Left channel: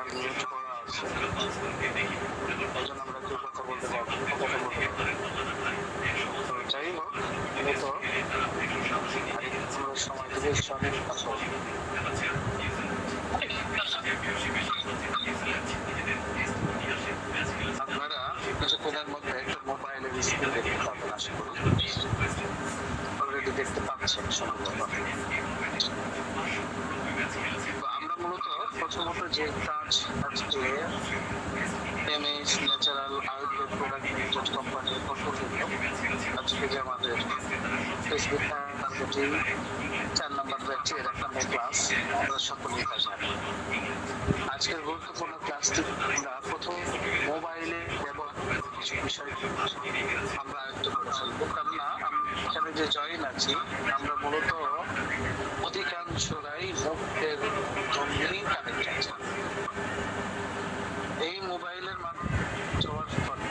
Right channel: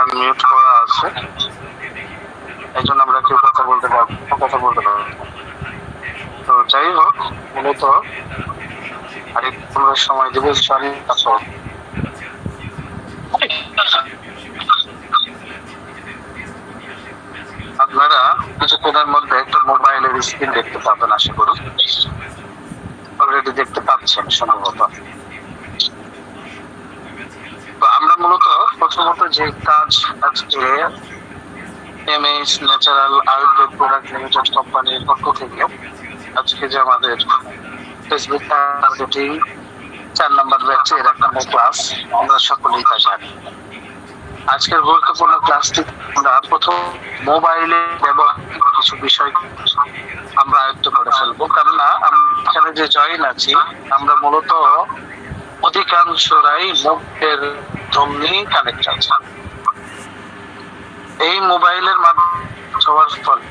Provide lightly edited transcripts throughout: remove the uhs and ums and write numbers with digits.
Unmute করা আছে, এই জন্য আমরা কেউ কথা বলতে পারবো। তো যাই হোক, মূলত আরেকটু সময় দেবো সরি। আপনারা কিছুক্ষণের মধ্যে একটা মোবাইলের স্ক্রিন দেখতে পাবেন, আশা করি অলরেডি দেখতে পাচ্ছেন সম্ভবত। তো আমরা মূলত প্রথমত যে কাজ আজকে MS natural Ayurveda product limited কোম্পানির পক্ষ থেকে আজকে যে আমাদের ফেসবুক মার্কেটিং 4 নম্বর ব্যাচের 1 নম্বর ক্লাস, আমরা সকলেই তা জানি। আজকের গুরুত্বপূর্ণ ক্লাসটি আমরা প্রথম মোবাইলে ব্যবহার কিছু বিষয় আমরা আয়ত্ত করে ফেলবো, কেননা এখানে যে জয়েন আছি আমরা মূলত অধিকাংশরাই মোবাইলের জন্যই কানেক্ট আছে। এই মোবাইলের মাধ্যমে হওয়ার ফলে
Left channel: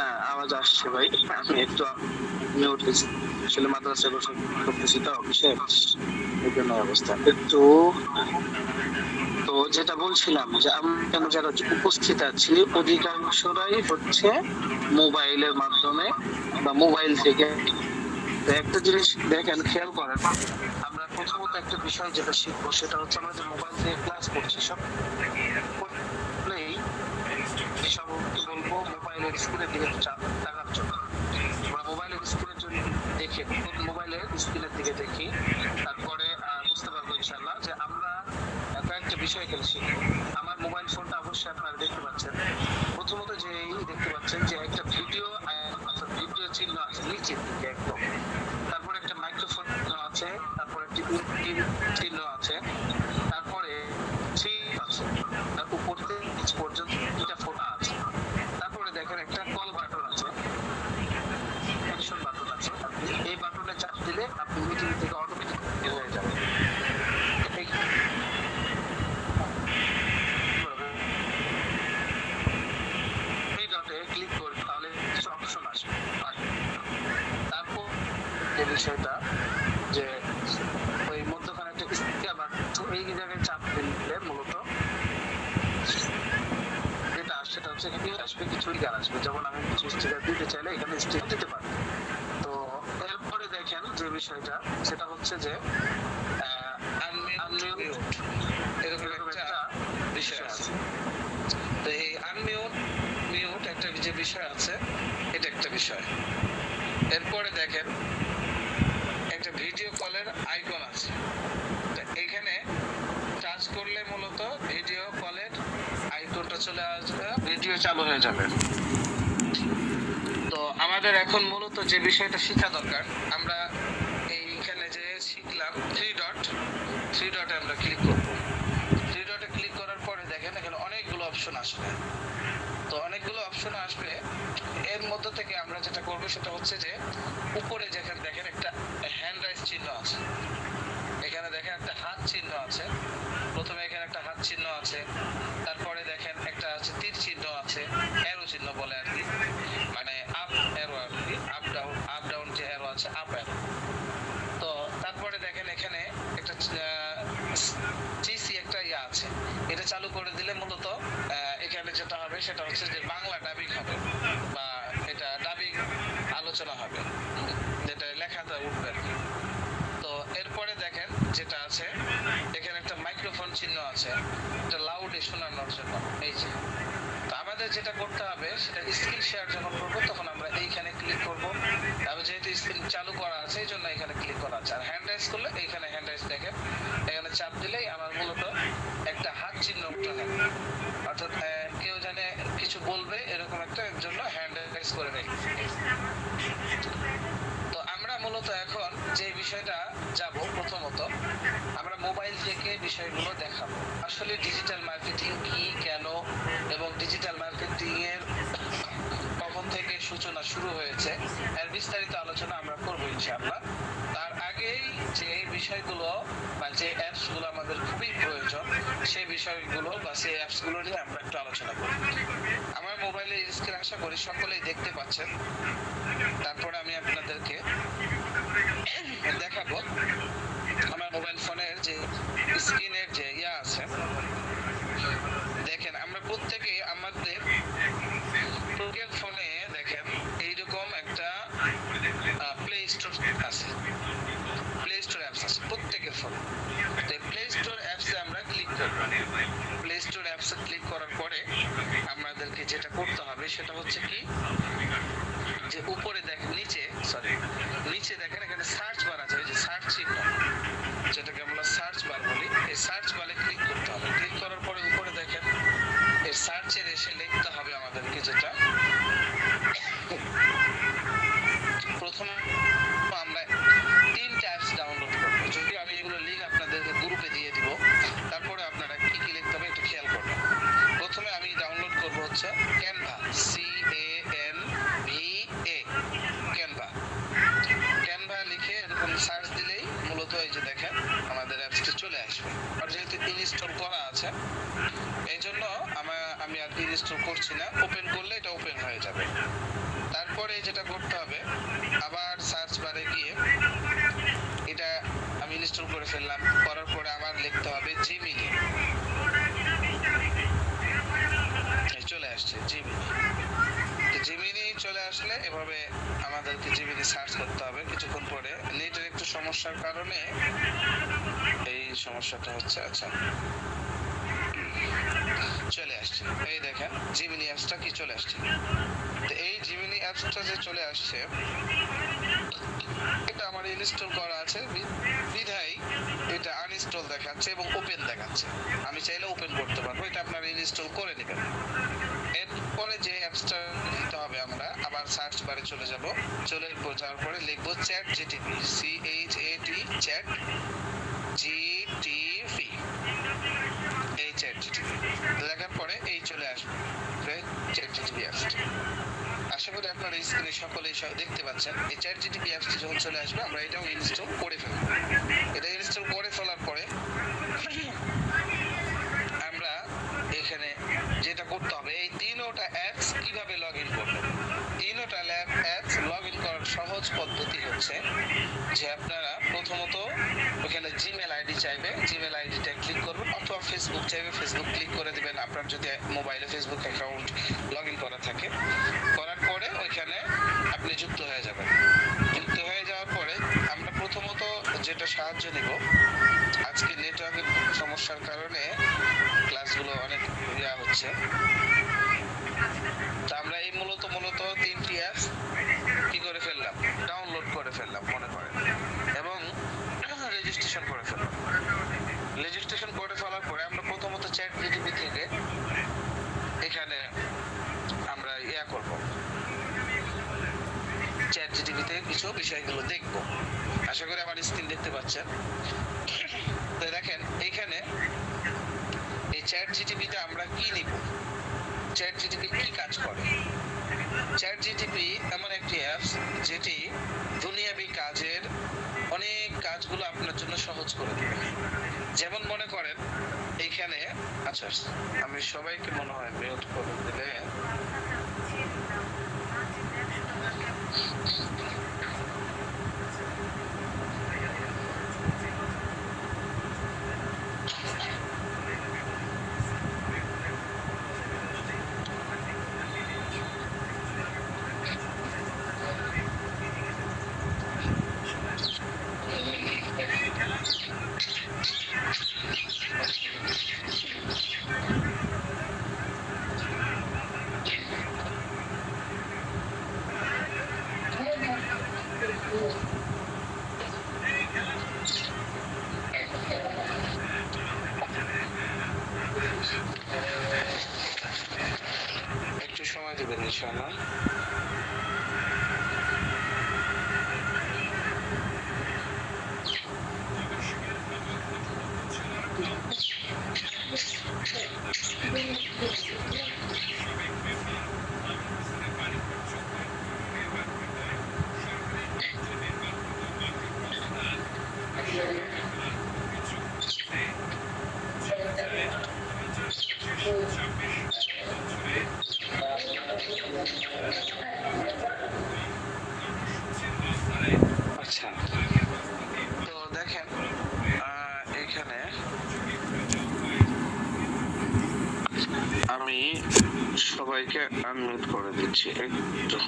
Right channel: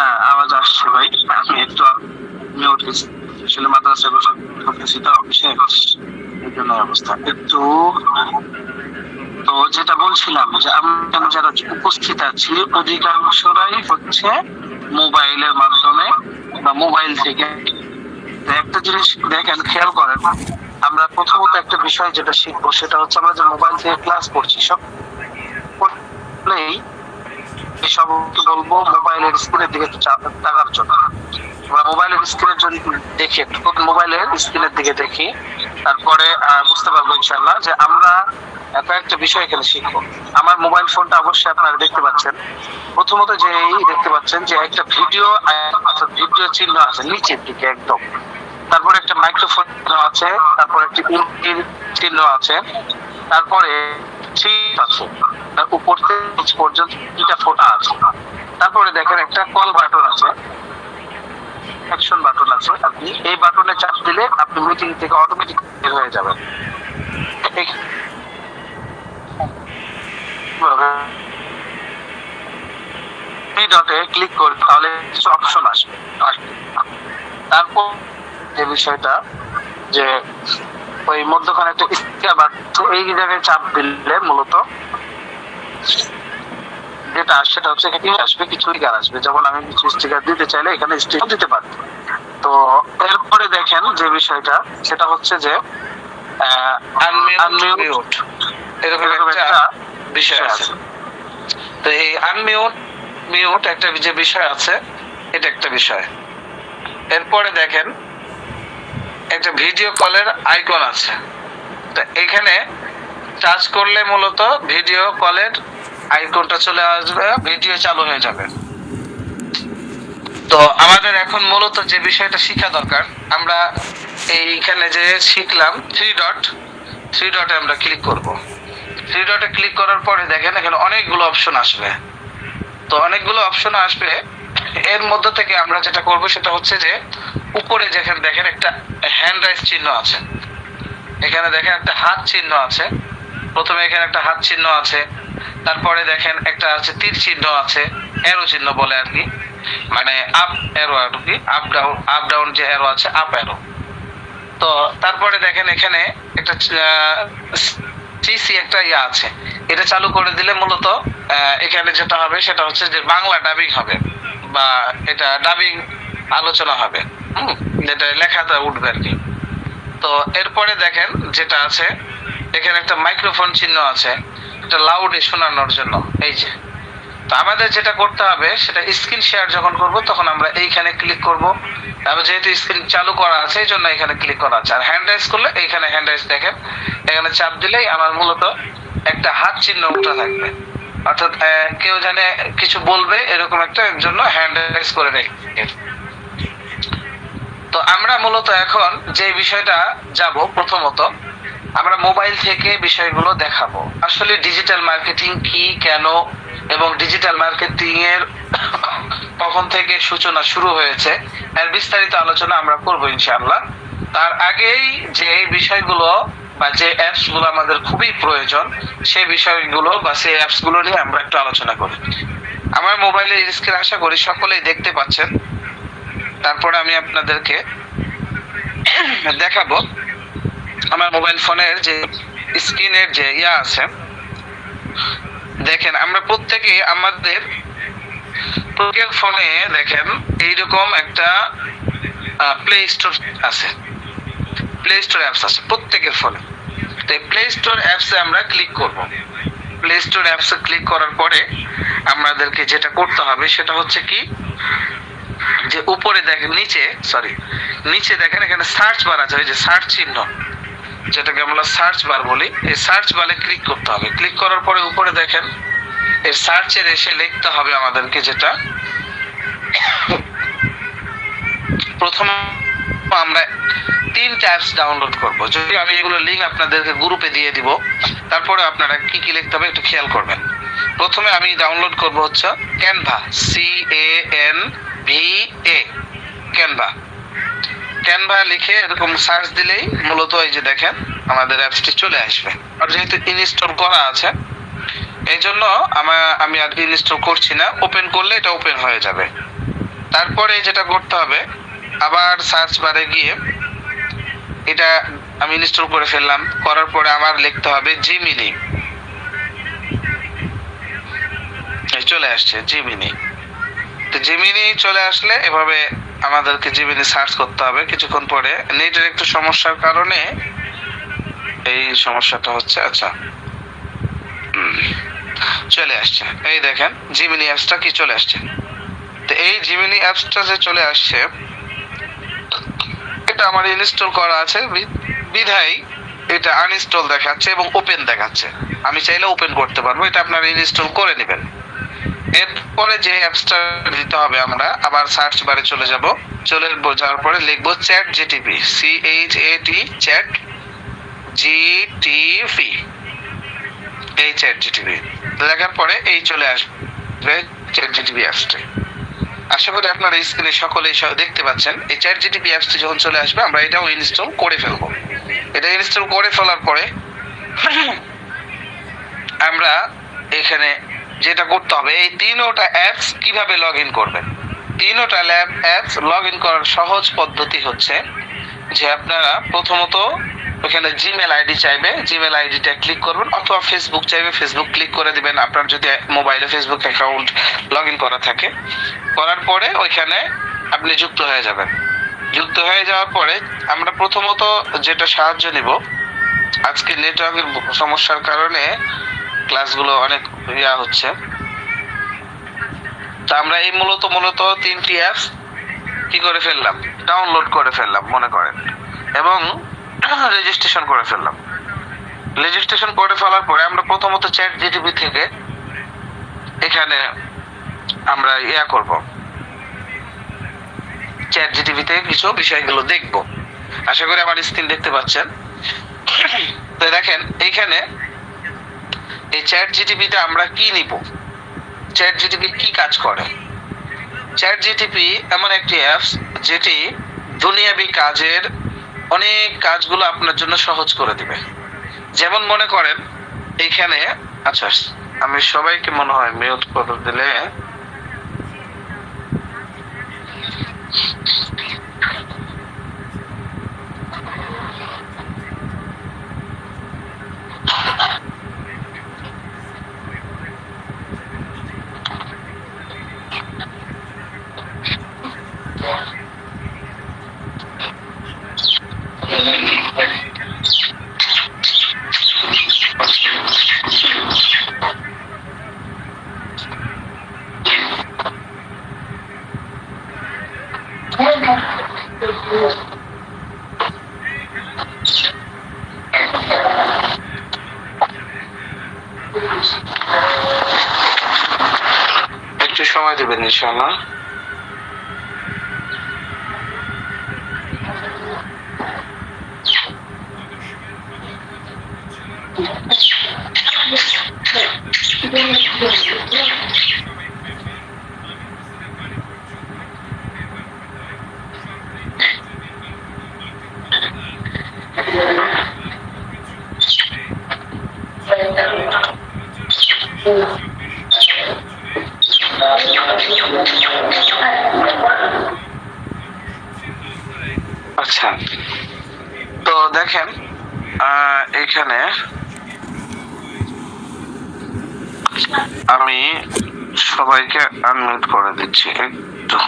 না আওয়াজ আসছে ভাই, আমি একটু মিউট আসলে মাদ্রাসা করতেছি তো অফিসে, এই জন্য অবস্থা একটু। তো যেটা বলছিলাম যে আমরা যারা উপস্থিত আছি অধিকাংশরাই হচ্ছে মোবাইলের মাধ্যমে বা মোবাইল থেকে। একটা জিনিস দেখেন, খেয়াল করেন, আমরা প্রথমত একটা বিষয় যেটা শিখবো সেটা হচ্ছে আমরা যে মোবাইল থেকে ক্লাস করছি সব সবকে বলবো মোবাইলের স্ক্রিনের দিকে তাকার জন্য। আমরা মোবাইলের স্ক্রিনের জন্য দেখি, একটু মোবাইলের স্ক্রিনের দিকে দেখি, তারপরে বুঝতে পারবো ইনশাআল্লাহ যে আমরা কয়েকটা বিষয় এখানে শিখবো। আমার মোবাইল ফোনটা অবশ্যই আপনারা দেখতে পাচ্ছেন। প্রথমত যে দেখতে পাচ্ছেন যে একটা ভিডিও চিহ্ন আছে নিচের দিকে একদম, তারপরে একটা মাইক্রোফোন আছে, তারপরে একটি চিহ্ন আছে, তারপরে আছে উপর থেকে নিচ পর্যন্ত 3টা ফোঁটা আছে, তারপরে দেখেন একটা কল বাটন আছে, অ্যাকশন বাটন আছে। আপনি এই বাটনে চাপ দিলে আপনি মিটিং থেকে অটোমেটিক বের হয়ে যাবেন। এই ডটে ক্লিক করে তাহলে কিছু অপশন আসবে। তারপর যে বিষয়টা যে ওই মধ্যখানে একটা স্টিকার বাটন, এই জায়গায় চাপ দিলে মূলত যেটা সেটা হচ্ছে এখানে আসবে কিছু স্টিকার আসবে। যেমন আমি কিছু স্টিকার দিতে চাইলে এখানে স্টিকার দিতে পারি। তো এরপরে দেখেন যে বিষয়টা সেটা হচ্ছে যে আনমিউট এরকম একটা বিষয় আছে। তো এই আনমিউট একটা যে বিষয় আছে, এটা একটা বিষয়। এরপরে দেখেন একটা ভিডিও কলের আইকন আছে, তো এখানে টাচ করলে মূলত ভিডিও কলের আইকনটা চলে আসবে, ভিডিও চালু হয়ে যাবে। তো আমাদের এখন মূলত যে বিষয়টা শেখা দরকার, আমরা এইখানে যে শিখলাম থ্রি ডটে আমরা ক্লিক করব। থ্রি ডটে ক্লিক করার পরে দেখেন এখানে অনেকগুলো অপশন আসবে। তো অনেকগুলো অপশন আসবে, এর মধ্যে থেকে আমরা যেটা করব সেটা হচ্ছে যে উপরে যেখানে দেখেন একটা হ্যান্ড রাইজ চিহ্ন আছে, এখানে দেখেন একটা হাত চিহ্ন আছে। প্রথমে এখানে একটা হাত চিহ্ন আছে, তারপরে দেখেন একটা আছে তীর চিহ্ন আছে, অ্যারো চিহ্ন বলে আর কি, মানে আপ অ্যারো আর কি, আপ ডাউন যে অ্যারো আছে, আপ অ্যারো। তো তারপরে দেখেন এখানে একটা সিসি একটা ইয়া আছে, এটা চালু করে দিলে মূলত এখানে যেটা হবে সেটা হচ্ছে যে বাংলা ডাবিং হবে বা এটা ডাবিং আলোচনা হবে, যেটা লেখাটা উঠবে আর কি। তো এরপরে দেখেন যেটা আছে এখানে একটা মাইক্রোফোন চিহ্ন আছে, এটা লাউডে শোনানোর জন্য। এই যে, তো আমাদের যেটা করতে হবে সেটা স্ক্রিন শেয়ার যখন করব তখন আমরা এইখানে ক্লিক করব। তারপর যেহেতু স্ক্রিন চালু করা আছে এই জন্য এখানে ক্লিক করা আছে। আর হ্যান্ড রাইজ করলে এইখানে হ্যান্ড রাইজ দেখেন, এখানে চাপ দিলেই আমার মূলত একটা হাত চিহ্ন উঠে থাকবে, অর্থাৎ কেউ জানে কিছু বলবে এরকম একটা জন্য হ্যান্ড রাইজ করে রেখে। মূলত এখন যে বিষয়টা যাব, প্রথমত আমরা মোবাইল থেকে বিষয়গুলো দেখাবো। আসলে ডিজিটাল মার্কেটিং কি, কেন, এবং ডিজিটাল মার্কেটিং এর কখন থেকে সূচনা শুরু হয়েছে, এর বিস্তারিত আলোচনা আমরা করব ইনশাআল্লাহ। তার আগেই যে বিষয়গুলো বা যে অ্যাপস গুলো আমাদের খুবই প্রয়োজন, সেই বিষয়গুলো বা সেই অ্যাপস গুলো নিয়ে আমরা একটু আলোচনা করি। আমার মোবাইলের স্ক্রিন আশা করি সকলেই দেখতে পাচ্ছেন। তারপরে আমি আপনাদেরকে দেখাবো আমার মোবাইল ফোনের যে স্ক্রিনের যে আছে। দেখেন আমরা প্রত্যেকে আমাদের প্রত্যেকের ফোনে দেখেন এইরকম একটা প্লে স্টোর আছে, প্লে স্টোর অ্যাপস আছে প্রত্যেকের ফোনে। তো এই প্লে স্টোর অ্যাপসে আমরা ক্লিক করব। প্লে স্টোর অ্যাপসে ক্লিক করার পরে আমাদেরকে যেটা করতে হবে সেটা হচ্ছে কি, যে উপরে দেখেন নিচে দেখেন এখানে সার্চ বার আছে, ওই যে সার্চ চিহ্ন যেটাকে আমরা সার্চ বার বলি, এই সার্চ বারে ক্লিক করতে হবে। ক্লিক করার পরে উপরে দেখেন এর সার্চের এসে লিখতে হবে আমাদেরকে, যেটা প্রথম আমরা 3টা অ্যাপস ডাউনলোড করব। যদি আমি এগুলো লিংক আপনাদেরকে গ্রুপে দিয়ে দিব, তারপরে আপনারা কি কি লিখতে হবে একটু খেয়াল করবেন। প্রথমে আমি ডাউনলোড করব হচ্ছে ক্যানভা, CANVA, ক্যানভা। ক্যানভা লিখে এরকম সার্চ দিলেই মূলত এই যে দেখেন আমাদের অ্যাপসটি চলে আসবে। আর যেহেতু ইনস্টল করা আছে এই জন্য আমি আর ইনস্টল করছি না, ওপেন করলে এটা ওপেন হয়ে যাবে। তারপরে যেটা করতে হবে, আবার সার্চ বারে গিয়ে এটা আমি ইনস্টল করে ফেললাম, করার পরে আমার লিখতে হবে জিমিনি। চলে আসছে জিমিনি। তো জিমিনি চলে আসলে এভাবে আমাদেরকে জিমিনি সার্চ করতে হবে। কিছুক্ষণ পরে নেটের একটু সমস্যার কারণে এই সমস্যাটা হচ্ছে। আচ্ছা, চলে আসছে, এই দেখেন জিমিনি অ্যাপসটা কি চলে আসছে। তো এই জিমিনি অ্যাপসটা যে চলে আসছে, এটা আমার ইনস্টল করা আছে বিধায় এটা আনইনস্টল দেখাচ্ছে এবং ওপেন দেখাচ্ছে। আমি চাইলে ওপেন করতে পারবো, এটা আপনারা ইনস্টল করে নেবেন। এরপরে যে অ্যাপসটা দিতে হবে, আমরা আবার সার্চ বারে চলে যাওয়ার পরে লিখবো chat GTP, CHAT, chat GTP. এই চ্যাট জিটিপি লেখার পরে এই চলে আসবে চ্যাট জিটিপি অ্যাপসটি। আশা করি আপনারা স্ক্রিনে সকলেই দেখতে পাচ্ছেন। এই চ্যাট জিটিপি অ্যাপসটি যখন চলে আসবে আমরা এটাও ইনস্টল করে ফেলবো। এটা ইনস্টল করে ফেলার পরে আমরা এখানে যেটা করতে হবে, এই 3টা অ্যাপস কিভাবে লগ ইন করবেন। 3টা অ্যাপস লগ ইন করার সহজ পদ্ধতি হচ্ছে যে আপনারা প্রথমত ওখানে জিমেল আইডি চাইবে, জিমেল আইডিটা ক্লিক করবেন, অথবা ফেসবুক চাইবে, ফেসবুক ক্লিক করে দিবেন আপনার যদি মোবাইলে ফেসবুক অ্যাকাউন্ট লগ ইন করা থাকে। করার পরে ওইখানে আপনি যুক্ত হয়ে যাবেন। যুক্ত হয়ে যাওয়ার পরে আমরা প্রথমত যেটা সাহায্য নিব, আজকে নেটওয়ার্কের সমস্যার কারণে ক্লাসগুলো অনেক হচ্ছে। তা আমরা এই মূলত 3টি অ্যাপস কি করে ফেললাম, ডাউনলোড করে ফেললাম মনে করেন, এবং রেজিস্ট্রেশন করে ফেললাম। রেজিস্ট্রেশন করে ফেলার পরে আমরা প্রথমত চ্যাট জিটিপি থেকে এখানে আমরা করব, চ্যাট জিটিপি থেকে কিছু বিষয়গুলো দেখব। আশা করি আমার স্ক্রিন দেখতে পাচ্ছেন। তো দেখেন এইখানে এই চ্যাট জিটিপিতে আমরা কি নিব, চ্যাট জিটিপি কি কাজ করে। চ্যাট জিটিপি এমন একটি অ্যাপস যেটি দুনিয়াবি কাজের অনেক কাজগুলো আপনার জন্য সহজ করে দিবে। যেমন মনে করেন এইখানে, আচ্ছা আমি সবাইকে মনে হয় মিউট করে দিলে একটু সময় দেবেন ইনশাআল্লাহ। আচ্ছা, তো দেখেন এখানে আমি সবাইকে আনমিউট করে দিচ্ছি একটু।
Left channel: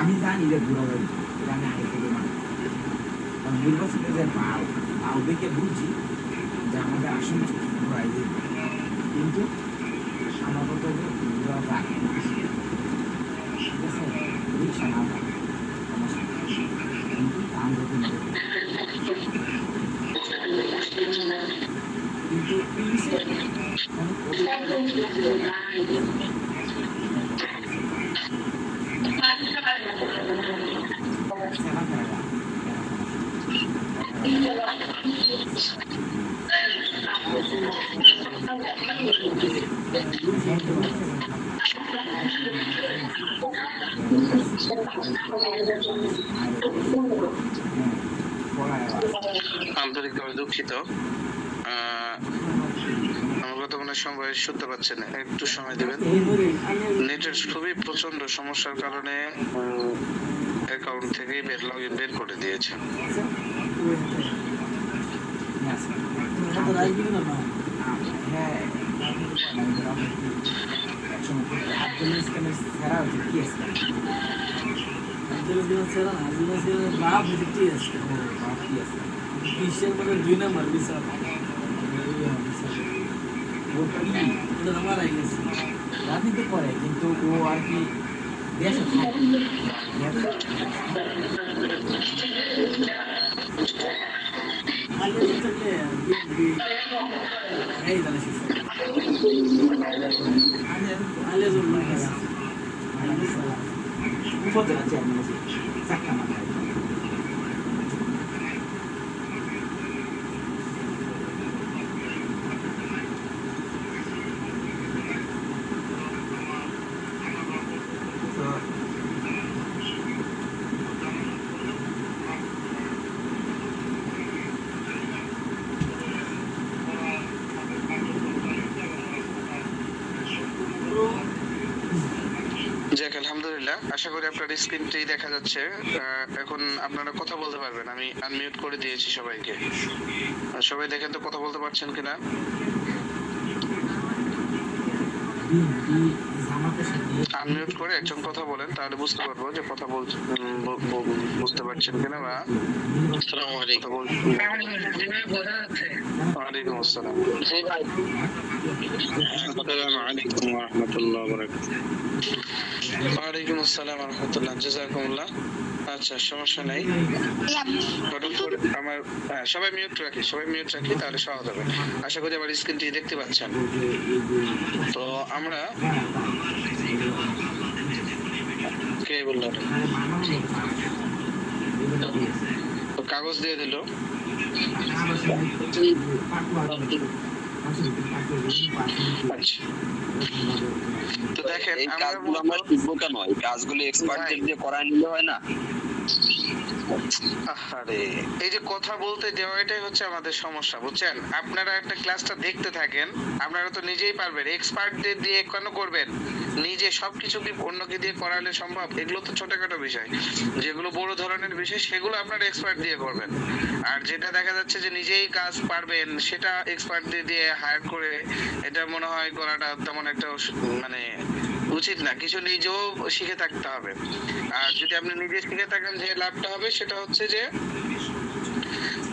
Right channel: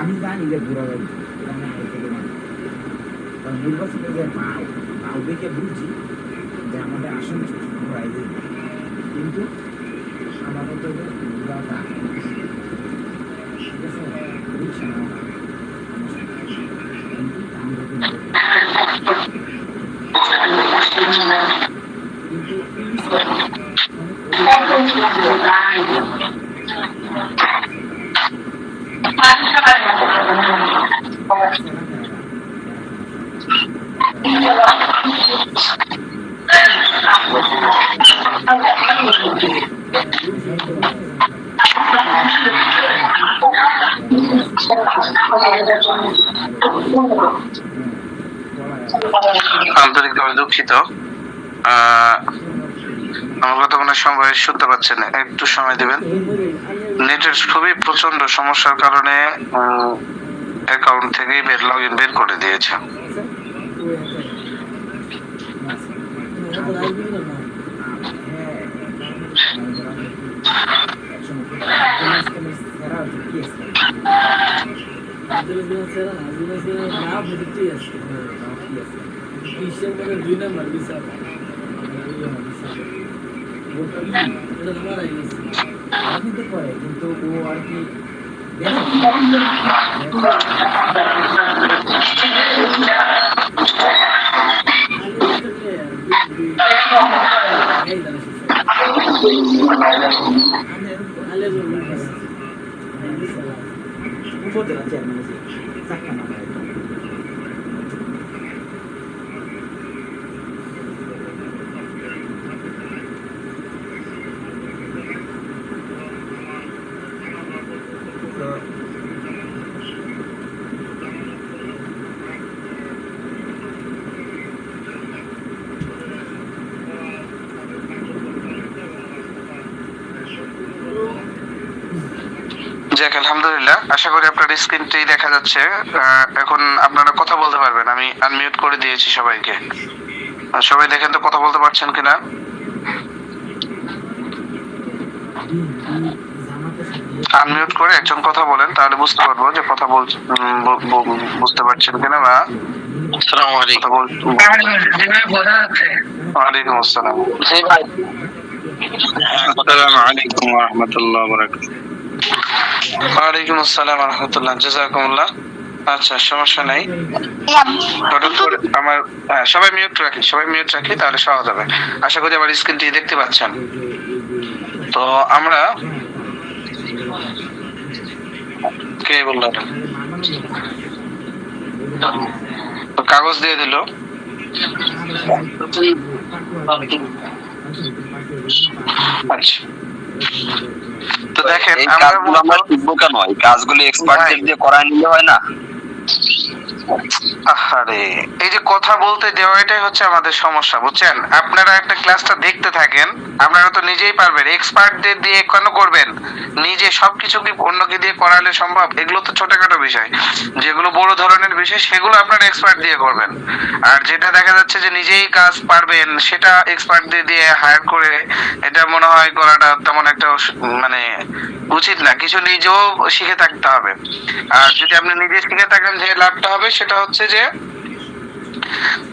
আমি জানি যে ঘোরা যাই নির্বাচনে যে পাও দেখে বুঝছি যে আমাদের আসলে ঘোরাই যাবে, কিন্তু সাধারণত ঘোরা থাকে না, ঠিক আছে, রিক্সা না থাকে কিন্তু আমরা কিন্তু আন্তরিকভাবে দুঃখিত, আমার কথা মনে সবাই শুনতে পাচ্ছেন, একটু সময় দিবেন। নেটের খুবই প্রচন্ড সমস্যার কারণে অ্যাকাউন্ট থেকে লগ ইন বের করে দিয়েছে। কিন্তু ও আর কি যাক, আলহামদুলিল্লাহ, আশা করি আপনার স্ক্রিনটি দেখা যাচ্ছে। এখন আপনারা কথা বলতে পারবেন, আমি আনমিউট করে দিয়েছি সবাইকে। সবাই দেখেন তো কথা বলতে পারছেন কিনা। আনমিউট করে একজন কথা বলেন, তাহলে বুঝতে পারবো যে কথা বুঝতে পারছেন কিনা। বা আসসালামু আলাইকুম। ওয়ালাইকুম আসসালাম। আসসালামু আলাইকুম ওয়া রাহমাতুল্লাহি ওয়া বারাকাতুহু। ওয়ালাইকুম আসসালাম ওয়া রাহমাতুল্লাহ, জাযাকুমুল্লাহ। আচ্ছা, সমস্যা নাই। হঠাৎ করে আমার সবাই মিউট রাখি, তাহলে সহজ হবে। আশা করি আমার স্ক্রিনটি দেখতে পাচ্ছেন। তো আমরা কে বললো কাগজ দিয়ে দিল। আচ্ছা, তো দেখেন আমরা শিখবো কেন? এই কাজগুলো এক্সপার্টদের দিয়ে করায় নিলে হয় না? আরে এই যে কথা বলতে দেওয়া, এটাই হচ্ছে আমাদের সমস্যা, বুঝছেন? আপনারা একটা ক্লাসটা দেখতে থাকেন, আপনারা তো নিজেই পারবেন। এক্সপার্টদের দিয়ে কেন করবেন? নিজে সবকিছু কি অন্যকে দিয়ে করালে সম্ভব? এগুলো তো ছোটখাটো বিষয়। যেগুলো বড় ধরনের বিষয় সেগুলো আপনারা এক্সপার্ট দিয়ে করবেন। আর যেটা দেখা যাচ্ছে যে নিজেই কাজ পারবেন, সেটা এক্সপার্টদের দিয়ে হায়ার করে এটা মনে হয় করাটা তেমন একটা মানে উচিত না। কিছু নিজেও শিখে থাকতে হবে। আর যদি আপনি নিজে শিখে থাকেন, যে লাভটা হবে সেটা হচ্ছে যে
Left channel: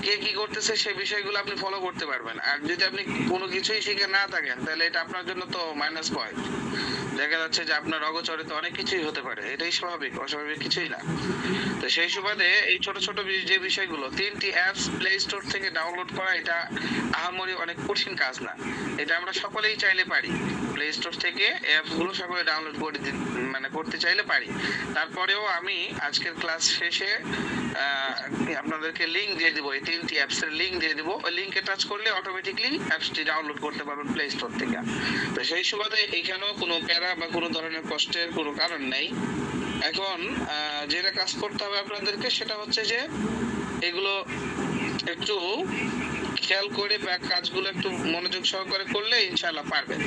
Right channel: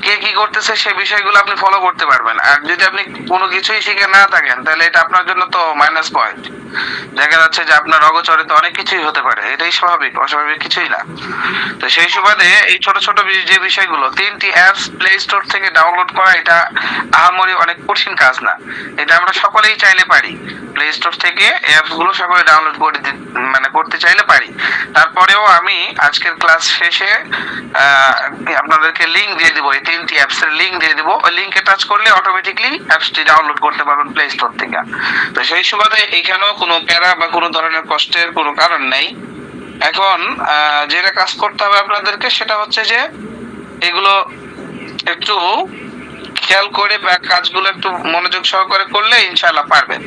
কে কি করতেছে সেই বিষয়গুলো আপনি ফলো করতে পারবেন। আর যদি আপনি কোনো কিছুই শিখে না থাকেন তাহলে এটা আপনার জন্য তো মাইনাস পয়েন্ট। দেখা যাচ্ছে যে আপনার অগোচরে তো অনেক কিছুই হতে পারে, এটাই স্বাভাবিক, অস্বাভাবিক কিছুই না। তো সেই সুবাদে এই ছোট ছোট যে বিষয়গুলো, 3টি অ্যাপস প্লে স্টোর থেকে ডাউনলোড করা এটা আহামরি অনেক কঠিন কাজ না। এটা আমরা সকলেই চাইলে পারি, প্লে স্টোর থেকে অ্যাপস গুলো সকলে ডাউনলোড করে মানে করতে চাইলে পারি। তারপরেও আমি আজকের ক্লাস শেষে আপনাদেরকে লিংক দিয়ে দিব, এই 3টি অ্যাপস এর লিংক দিয়ে দিব। ওই লিংকে টাচ করলে অটোমেটিকলি অ্যাপসটি ডাউনলোড করতে পারবেন প্লে স্টোর থেকে। তো সেই সুবাদে এখানেও কোনো প্যারা বা কোনো ধরনের কষ্টের কোনো কারণ নেই। এখন যেটা কাজ করতে হবে আপনাদেরকে সেটা হচ্ছে যে এগুলো একটু খেয়াল করে বা কাজগুলো একটু মনোযোগ সহকারে করলে ইনশাআল্লাহ পারবেন।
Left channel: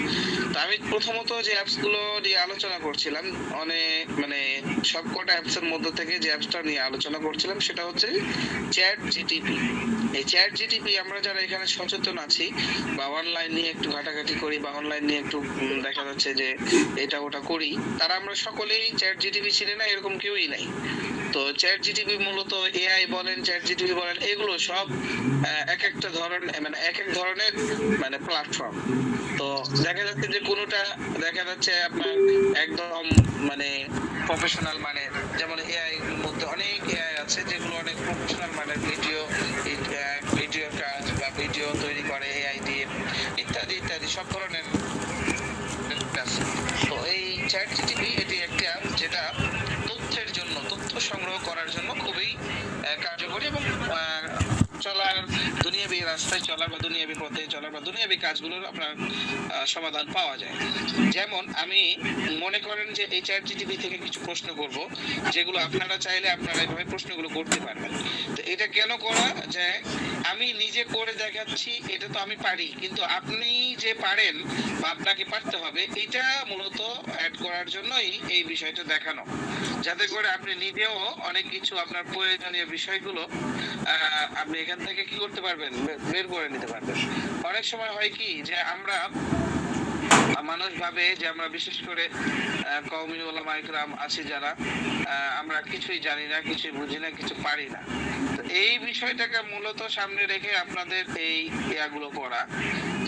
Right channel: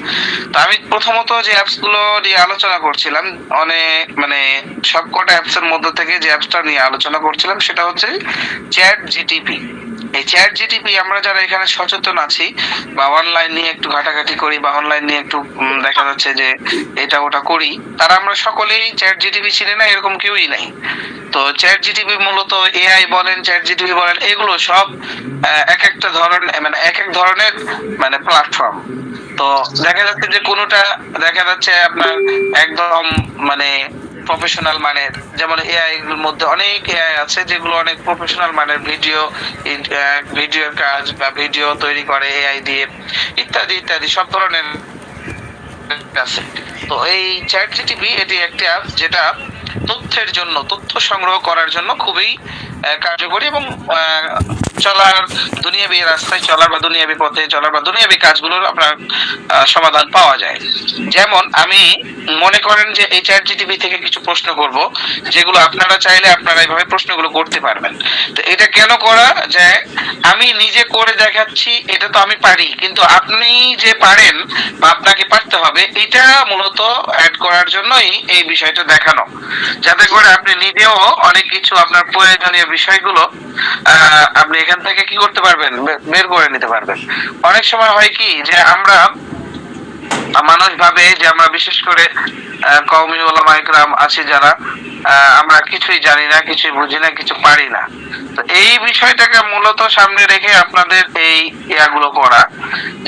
তো আমি প্রথমত যে অ্যাপস গুলো নিয়ে আলোচনা করছিলাম, অনেক মানে সবকটা অ্যাপস এর মধ্যে থেকে যে অ্যাপসটা নিয়ে আলোচনা করছিলাম সেটা হচ্ছে চ্যাট জিটিপি। এই চ্যাট জিটিপি আমরা যারা এখানে সচেতন আছি বা অনলাইন নিয়ে একটু ঘাটাঘাটি করি বা অনলাইন নিয়ে একটু দেখা যাচ্ছে যে এটা ওটা করি, তারা আমরা সকলেই চ্যাট জিটিপি চিনি না এরকম কেউই নাই। তো চ্যাট জিটিপি মূলত এআই বলেন, চ্যাট জিটিপি বলেন, এগুলো সব এক একটা ধরনের মানে এক এক ধরনের মানে প্ল্যাটফর্ম। তো দেখা যাচ্ছে যে কোনোটা দেখা যাচ্ছে আপনার একদম মানে প্রফেশনাল মানের, যেমন এআই এর মধ্যে অনেক এআই আছে যেগুলো অনেক প্রফেশনাল মানের ভিডিওর কাজ বা ভিডিও তৈরি করে এআই দিয়ে, ইত্যাদি ইত্যাদি সব ধরনের আছে। তো এই চ্যাট জিটিপি এটি একটি অ্যাপ যেটা তথ্যের জন্য, তথ্য সংগ্রহ করার জন্য খুবই কার্যকরী এবং চলার দুনিয়াবি রাস্তায় চলার বা দুনিয়াবি পথে চলার বা দুনিয়াবি কাজগুলোর আপনার সমাধান পাওয়া যায়। যেমন আমি মনে করেন যে এই চ্যাট জিটিপি থেকে কিছু প্রশ্ন করব যেগুলো আপনারা চাইলে আপনারা এইভাবে প্রশ্নগুলো করতে পারবেন। তো এটা কেন করা যায়, আমি নিজে করে দেখাচ্ছি এটা তো আমি পারি, কিন্তু আপনি যে পারেন বা আপনাকে পারতে হবে এটা মূলত অ্যাড করার জন্যই এই বিষয়টা দেখানো, যাতে করে আপনি নিজেও অনেক কিছু আপনার প্রয়োজনীয় বিষয়গুলো আপনি এখান থেকে কি করতে পারবেন, বের করে নিতে পারবেন। অনেক সময় হয় কি যে আমরা মানুষ ভাবে যে আমরা বিশেষ করে কওমি উলামা ইকরাম আছি যারা আমরা কিছুই জানি না, কিছুই বুঝি না, কিছু পারি না। তো এই বিষয়টাকে মূলত সামনে রেখে আপনাদের এই ইয়াগুলো করা,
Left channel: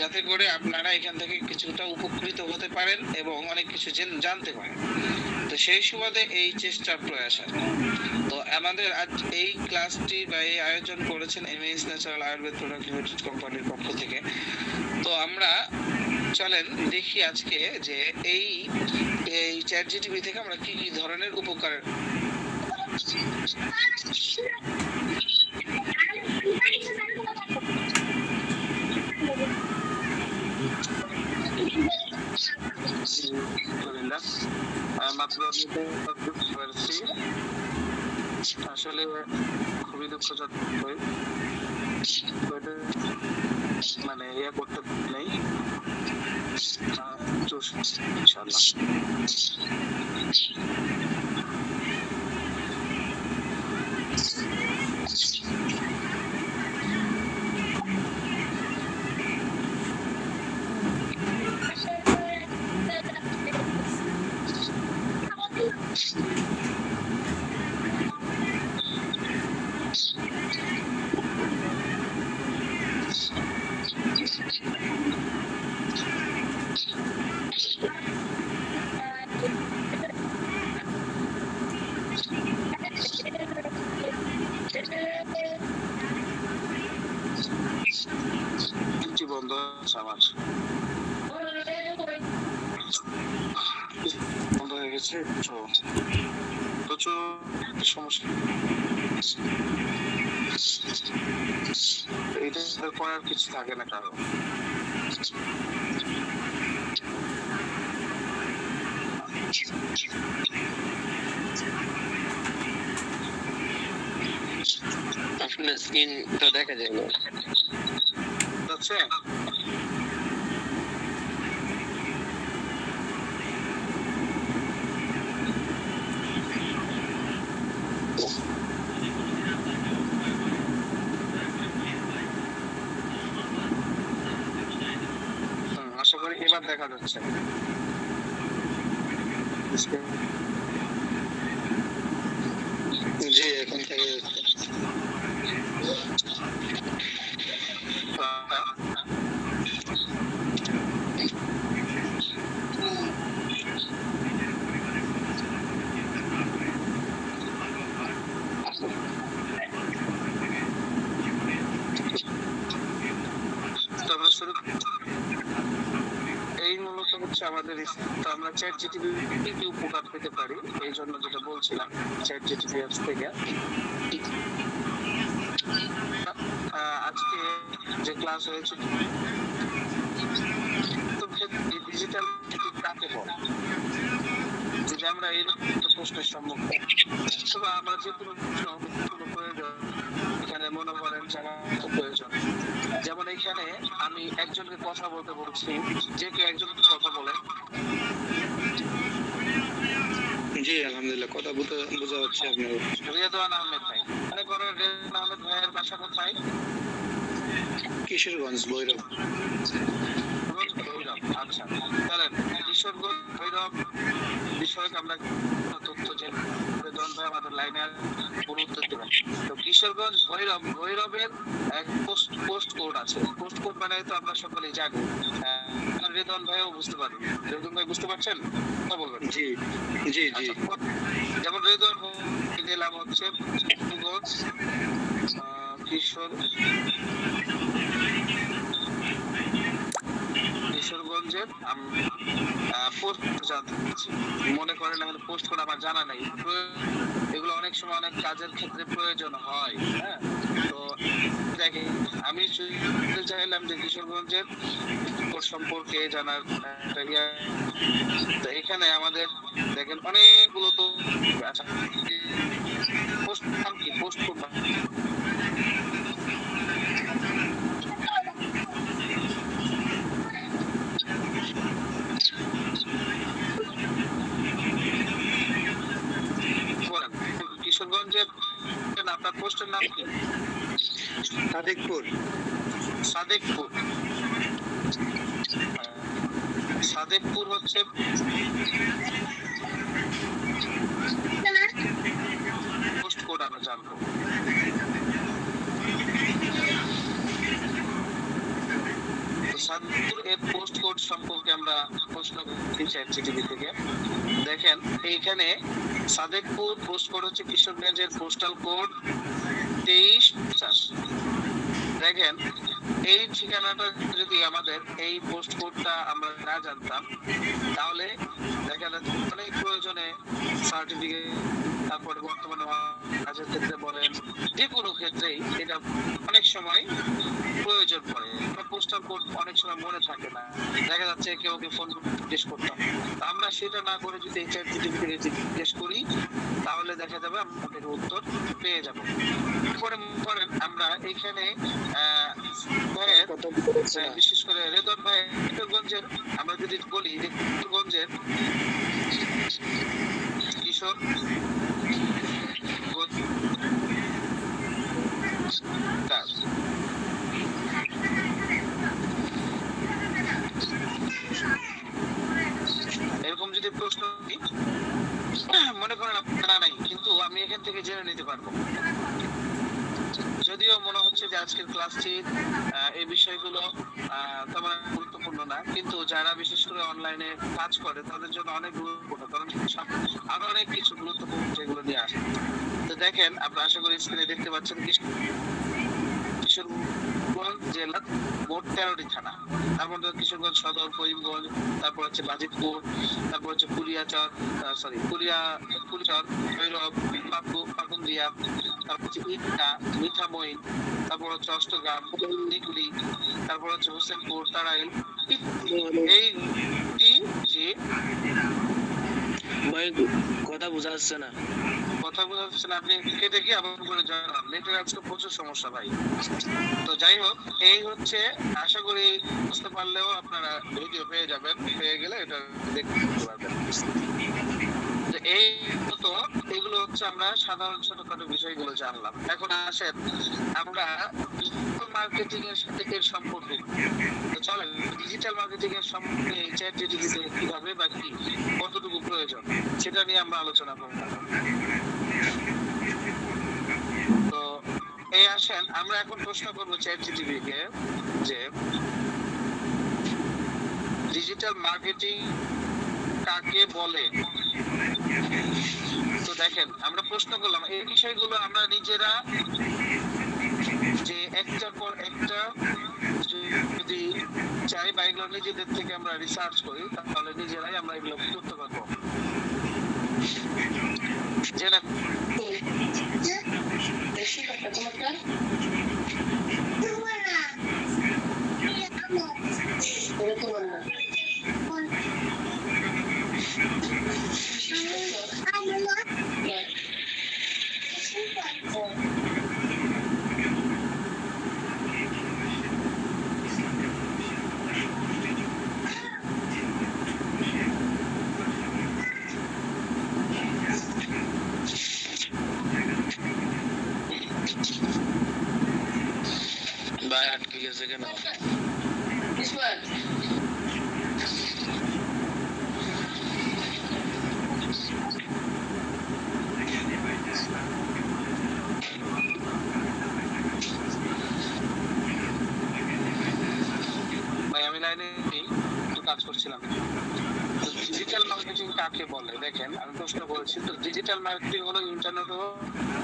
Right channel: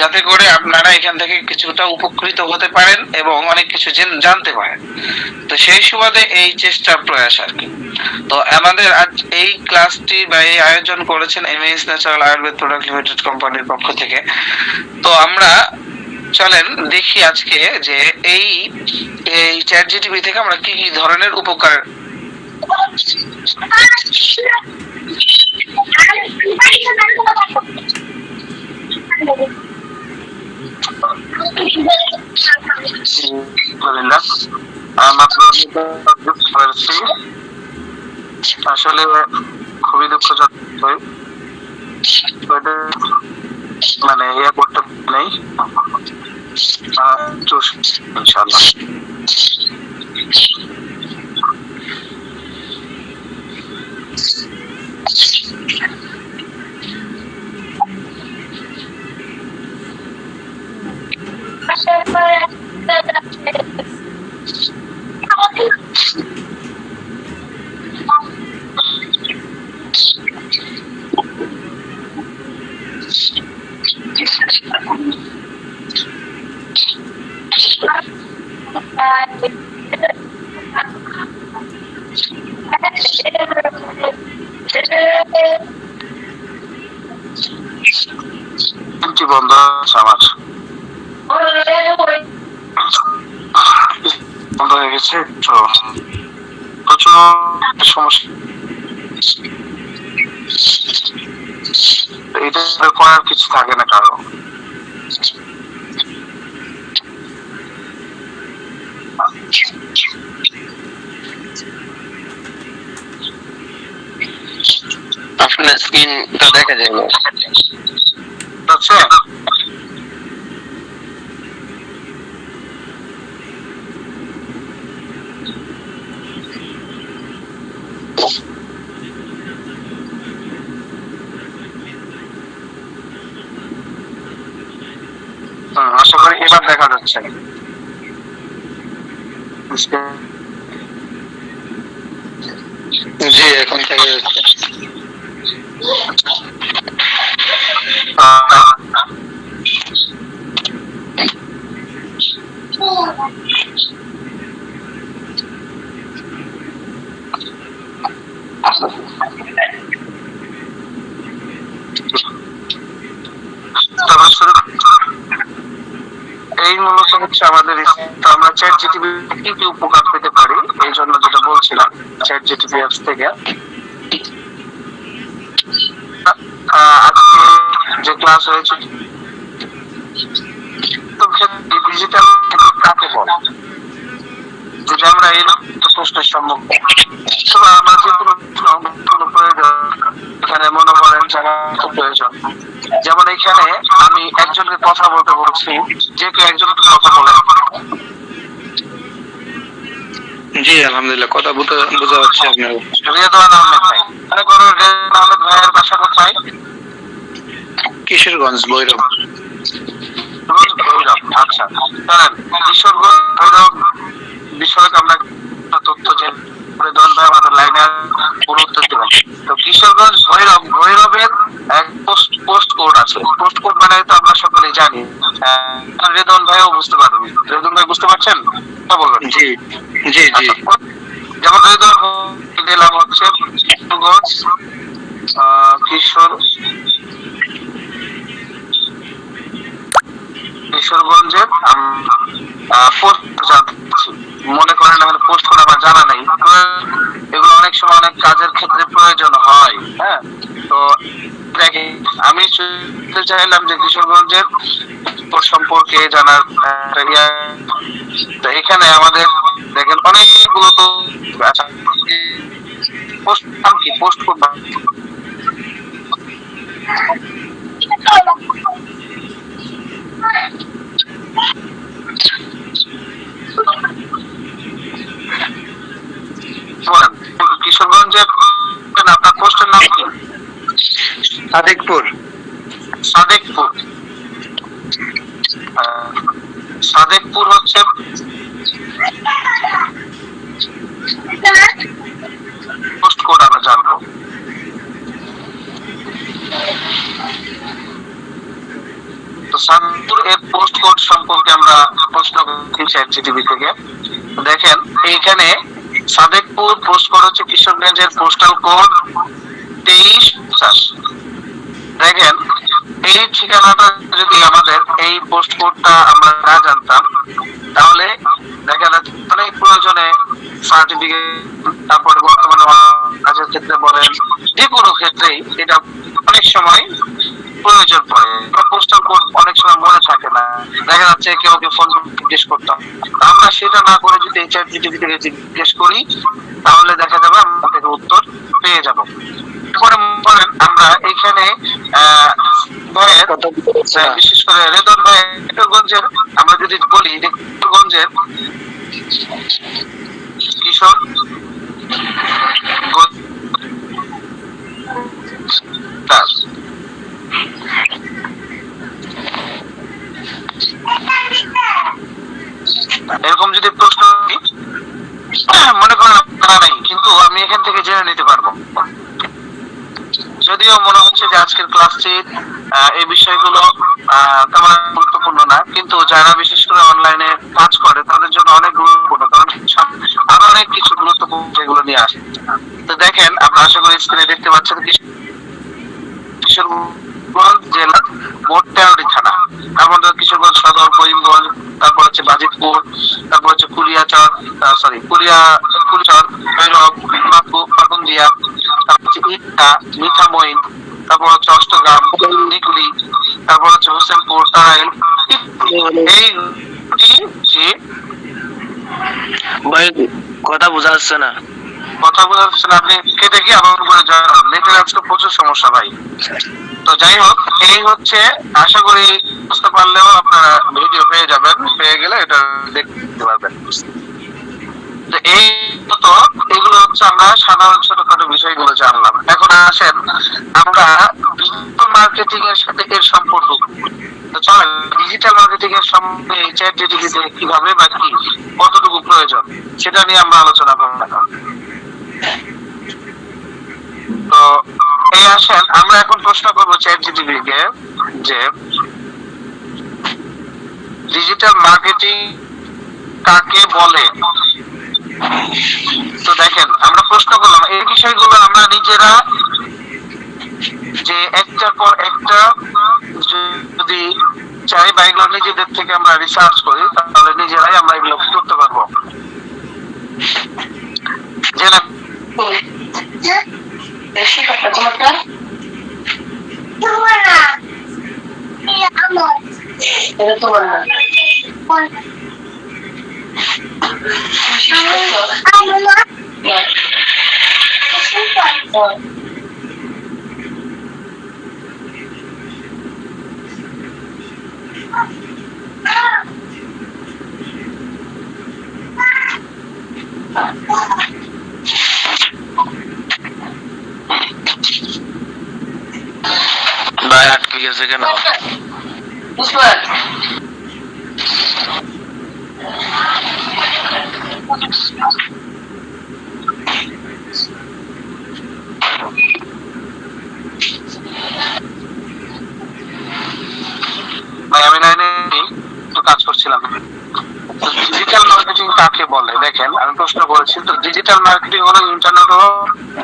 যাতে করে আপনারা এখান থেকে কিছুটা উপকৃত হতে পারেন এবং অনেক কিছু জানতে পারেন। তো সেই সুবাদে এই চেষ্টা প্রয়াস আর কি। তো আমাদের আজ এই ক্লাসটি বা এই আয়োজন করেছেন এমএএস ন্যাচারাল আয়ুর্বেদ প্রোডাক্ট লিমিটেড কোম্পানির পক্ষ থেকে। তো আমরা চলেন দেখি আজকে যে এই এই চ্যাট জিটিপি থেকে আমরা কি কি ধরনের উপকার আসলে খুবই দুঃখজনক, মানে ইয়ে করতে নেই ইনশাআল্লাহ। বন্ধ আমার বন্ধ হয়ে গেছে, তো প্রচুর সমস্যা। এটা করার কিছু থাকে না কারো। আপনার স্ক্রিনটা দেখা যায় না। আচ্ছা, আশা করি এবার দেখা যাচ্ছে। জি, এখন দেখা যাচ্ছে। তারপর শুরু এই মূলত হচ্ছে আমাদের তো আমরা চ্যাট জিটিপি কি কি উপকার পেতে পারি এই জন্য যেটা বলছিলাম চ্যাট জিটিপি অ্যাপস থেকে আজকে যে ক্লাস হয়েছে তো ডিজিটাল কাকে বলে যদি আমরা এই প্রশ্নের সম্মুখীন তবে আমার যে কোনো প্রয়োজন এখানে মনে করেন যারা প্রয়োজন যেমন এখানে আমি একজনকে কথা বলতে বলছি যে কেউ একজনকে কথা বলে জি আলহামদুলিল্লাহ কথা বোঝা যাচ্ছে আপনার। রেদওয়ান আহমেদ ভাই মানে কোন রেদওয়ান আহমেদ ভাইয়ের বাসা কোথায়? কিশোরগঞ্জ ভৈরব। ভৈরব, আচ্ছা জানেন কিশোরগঞ্জ ভৈরব বিষয়ক আমরা তথ্য যে রেদওয়ান ভাই আমাদের লাইনে পুরো উত্তর দেবেন। তো কিশোরগঞ্জ ভৈরবের এক পোস্ট কোড আছে। পোস্ট কোড মানে তো আমরা সকলেই জানি। রেদওয়ান ভাইও বুঝতে পারবেন। রেদওয়ান ভাই বুঝতে পারছেন? কথা বলবেন। জি জি জি। যেমন রেদওয়ান দিলাম হচ্ছে কিশোরগঞ্জ কিশোরগঞ্জের পোস্ট জানতেছি মনে করেন আমাদের পোস্ট কোড আমার জানা নেই এগুলো অনেক সময় অনেক কাজের ক্ষেত্রে প্রয়োজন হয়। হ্যাঁ তো দেখি আমি চাইলাম যে কিশোরগঞ্জের সম্পর্কে জানার তো এখানে আমাদের দেখেন অনেকগুলো তো আচ্ছা পোস্ট নাম কি পোস্ট কোড কিশোরগঞ্জের আপনার পোস্টের নাম কি? সাদেকপুর। সাদেকপুর সাদেকপুর হচ্ছে পোস্ট কোড আমরা জানবো। তো সাদেকপুর এর পোস্ট কোড সম্পর্কে আমরা প্রশ্ন করছি চ্যাট জিটিপি থেকে। দেখেন এইখানে সাদেকপুর পোস্ট কোড হচ্ছে কিশোরগঞ্জের পোস্টাল কোড 2350। দেখেন এই ঠিকানাটা যদি আমাদের এই পোস্ট কোডটা আমরা না জানতাম তাহলে দেখা যাচ্ছে অনেক প্রয়োজনে সার্টিফিকেট তারপরে বর্তমানে কাজের ক্ষেত্রে বলেন যে কোনো ক্ষেত্রেই এটা অনেক সময় প্রয়োজন পড়ে। পোস্টাল কোড অনেক সময় মনে থাকে না, দেখা যাচ্ছে কেউ ফোন জিজ্ঞেস করতাম। আমরা সেটা না করে যদি চ্যাট জিটিপি থেকে জিজ্ঞেস করি তাহলে দেখা যাবে আমরা থেকে উত্তর পেয়ে যাব। আমরা এখানে বিশেষ করে রেদন ভাই কিশোরগঞ্জের আমরা যদি বলি যে কিশোরগঞ্জের কিশোর এরকম যদি প্রশ্ন মনে করেন জানা নাই কিন্তু আমি এখান থেকে জেনে নিতে পারবো। যদিও মনে হচ্ছে যে আজকের ক্লাসটি এই বিষয়গুলো তেমন গুরুত্বপূর্ণ না, কিন্তু যারা বিশেষ করে অনলাইনে কাজ করে তাদের জন্য অনেক গুরুত্বপূর্ণ, কারণ আরো অনেক কিছু গুরুত্বপূর্ণ যেগুলো নিয়ে আসে। তো দেখেন আপনারা আশা করি স্ক্রিনে দেখতে পাচ্ছেন কিশোরগঞ্জ জেলা মোট 13টি থানা। তার মধ্যে কিশোরগঞ্জ সদর, করিমগঞ্জ, তারপর হচ্ছে বাজিতপুর, তারপর হচ্ছে কুলিয়াচর, ভৈরব, পাকুন্দিয়া, তারপর হচ্ছে ইটকা, মিঠামইন, তারপর হচ্ছে অষ্টগ্রাম, নিকুলি, তারপর হচ্ছে হোসেনপুর, তারাইল। এই যে ভাই কথা বোঝা যাচ্ছে না। কথা বোঝা যাচ্ছে না, আপনি কেটে গিয়ে আমার উপরে জানান। নেটের আজকে প্রচুর সমস্যা ভাই। তো যাই হোক এই হচ্ছে, আশা করি বুঝতে পারলেও আপনারা ভিডিও পেয়ে যাবেন, পেয়ে গেলে এটা দেখতে পারবেন। তো এই তো এগুলো হচ্ছে আমরা সাধারণ ছোটখাটো বিষয়গুলো জানলাম। এখন আসেন আমরা ডিজিটাল মার্কেটিং এর সাথে এর সম্পর্ক। তো চলেন ডিজিটাল মার্কেটিং এর সঙ্গে চ্যাট জিটিপি কিভাবে বা কি কতটুকু প্রয়োজন সেটা নিয়ে আমরা আলোচনা করব। তো এই আসেন আমরা এখন প্রশ্ন করবো চ্যাট জিটিপি কে যে ডিজিটাল মার্কেটিং কাকে বলে। তো দেখেন আমরা প্রশ্ন করলাম এই বিষয়গুলো আমরা নিজেরা যে একটার পর একটা যদি চাই বা এগুলো নিজেদের থেকে আমরা রিসার্চ করি তাহলে নিজেরাই আমরা এগুলো করতে পারবো। যে না ভাই আটকে গেছে কেন? ভাই আমি লাইনে একটু কাজ করছিলাম। ডিজিটাল মার্কেটিং কাকে বলে দেখেন আমি প্রশ্ন করেছি। তো ডিজিটাল মার্কেটিং হলো ইন্টারনেট ও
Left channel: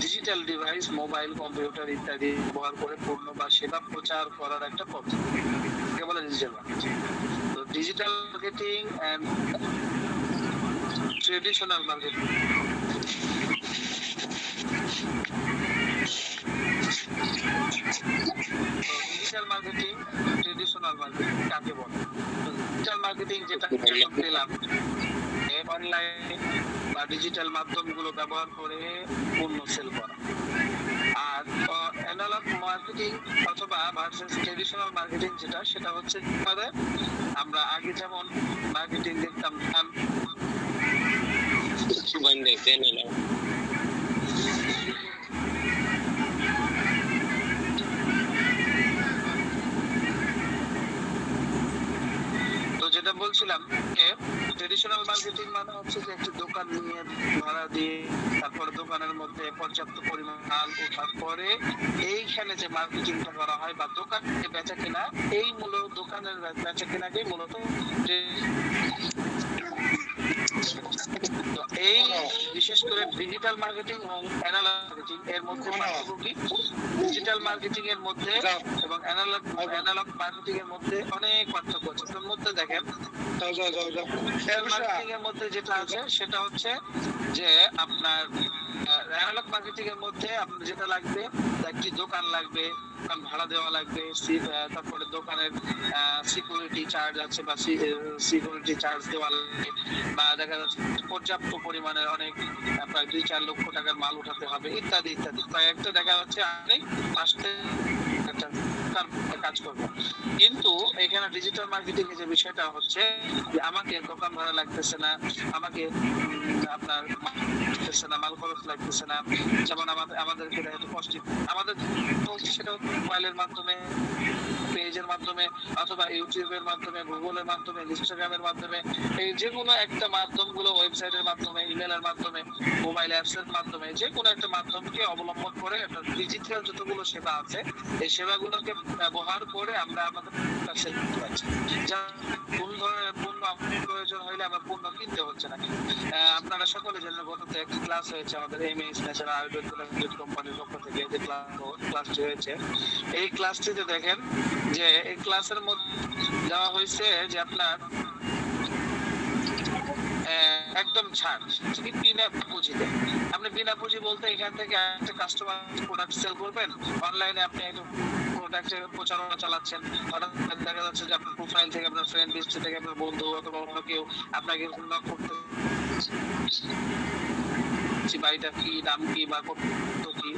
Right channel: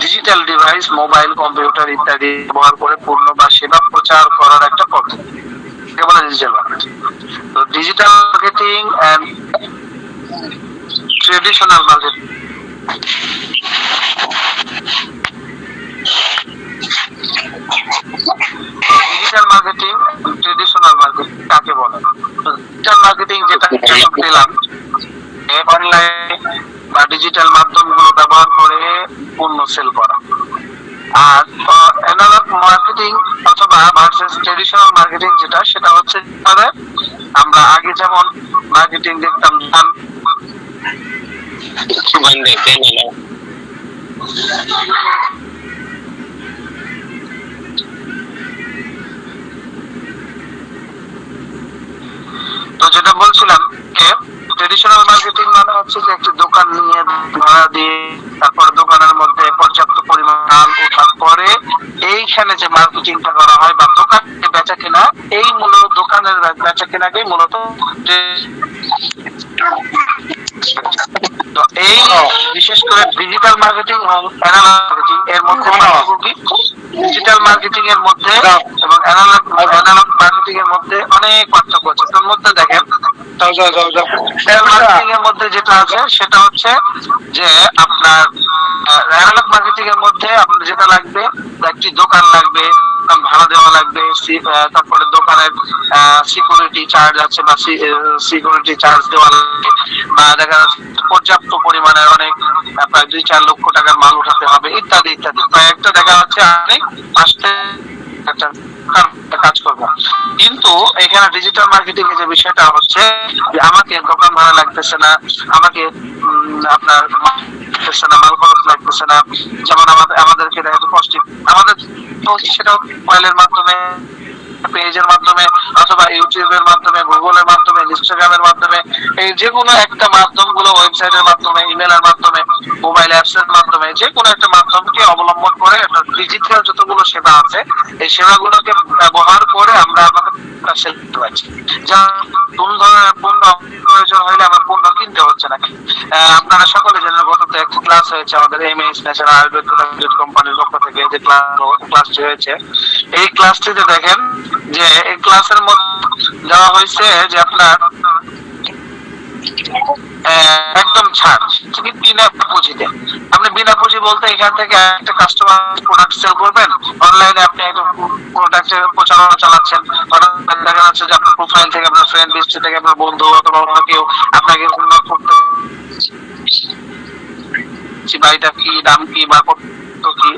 ডিজিটাল ডিভাইস মোবাইল কম্পিউটার ইত্যাদি ব্যবহার করে পণ্য বা সেবা প্রচার করার একটা পদ্ধতি, একে বলে ডিজিটাল মার্কেটিং। তো digital marketing and traditional marketing digital marketing traditional marketing কাকে বলে। ডিজিটাল মার্কেটিং যেটা পেলাম অনলাইন বা ডিজিটাল মাধ্যমগুলো ব্যবহার করে পণ্য সেল করা। আর অ্যানালগ মার্কেটিং অথবা ভার্সেস ট্রেডিশনাল মার্কেটিং যেটা সেটা হচ্ছে আমরা আগে যেমন মার্কেটিং দেখতাম তো যেটা বলছিলাম ট্রেডিশনাল মার্কেটিং মানে হচ্ছে যে একটি দোকান নিয়ে ভাড়া দিয়ে তারপর দোকানের মধ্যে পর্যাপ্ত পরিমাণ মাল ওঠার পরে এইখানে যে মার্কেটিংটা করা হয় বা দোকানে বেচা কেনা, এই মূলত দোকানের বেচা কেনাকেই মূলত তো এই বিশেষ করে ডিজিটাল মার্কেটিং এবং অ্যানালগ মার্কেটিং এর মধ্যে পার্থক্য কি? ডিজিটাল মার্কেটিং এর মধ্যে এবং অ্যানালগ মার্কেটিং এর মধ্যে অনেক পার্থক্য আছে। তার মধ্যে দেখেন মার্কেটিং এর মধ্যে যেটা আছে সেটা হচ্ছে যে আপনার অ্যানালগ মার্কেটিং এর মধ্যে আপনার যেটা লাগবে একটি দোকান লাগবে, ভাড়া দেওয়া লাগবে, তারপরে দোকানের সিকিউরিটি চার্জ আছে বা সিকিউরিটি চার্জ দেওয়া লাগবে, বা দেখা যাচ্ছে পর্যাপ্ত পরিমাণের অনেক প্রায় 2-4 লক্ষ টাকার মাল উঠাতে হবে ইত্যাদি ইত্যাদি। একটা দেখা যাচ্ছে আপনি আসতে একটা কাজ করবো। কিন্তু এখানে ডিজিটাল মার্কেটিং এর যে বিষয়টা হচ্ছে যে আমাকে দোকান ভাড়া লাগতেছে না, আমাকে আপনার লাগতেছে না, মাল খরচ লাগতেছে না। যেমন আমাদেরকে আমাদের সেটা মোবাইলের মাধ্যমে, পেজের মাধ্যমে অথবা ইউটিউবের মাধ্যমে, গুগলের মাধ্যমে, ইনস্টাগ্রামের মাধ্যমে, এই যে কোনো একটা মাধ্যম গুলো ওয়েবসাইটের মাধ্যমে, ইমেলের মাধ্যমে, মোবাইল অ্যাপস এর মাধ্যমে যে কোনো একটা মাধ্যমকে অবলম্বন করে একটা ডিজিটাল যতগুলো সেবা আছে এই সেবাগুলোকে ব্যবহার করে আমরা আমাদের সেল করতে পারছি। যা কোন ধরনের পণ্য প্রয়োজন হলে আমার পণ্য কিনতে হচ্ছে না। আপনারা সকলে জানেন গততে একটা ক্লাস হয়েছে আমাদের এমএস ন্যাশনাল আয়ুর্বেদ কোম্পানির পক্ষ থেকে যে ক্লাসটি হয়েছে। এই ক্লাসটিতে দেখেন যে এই ক্লাসের মধ্যে দেওয়া হয়েছে যে আপনার একদম ছাড় বিনা পুঁজিতে। আপনি বিনা পুঁজি বলতে এখান থেকে একটা কাস্টমার প্রোডাক্ট সেল করবেন, অনলাইনে আপনি একটা প্রোডাক্টের প্রচারণা চালাচ্ছেন, দেখা যাচ্ছে যে আপনার প্রোফাইল থেকে, আপনার ফ্রেন্ড লিস্ট থেকে আপনার বন্ধু অথবা অন্য কেউ আপনাকে করতে বাড়িটা কি, দাম কি বা কি,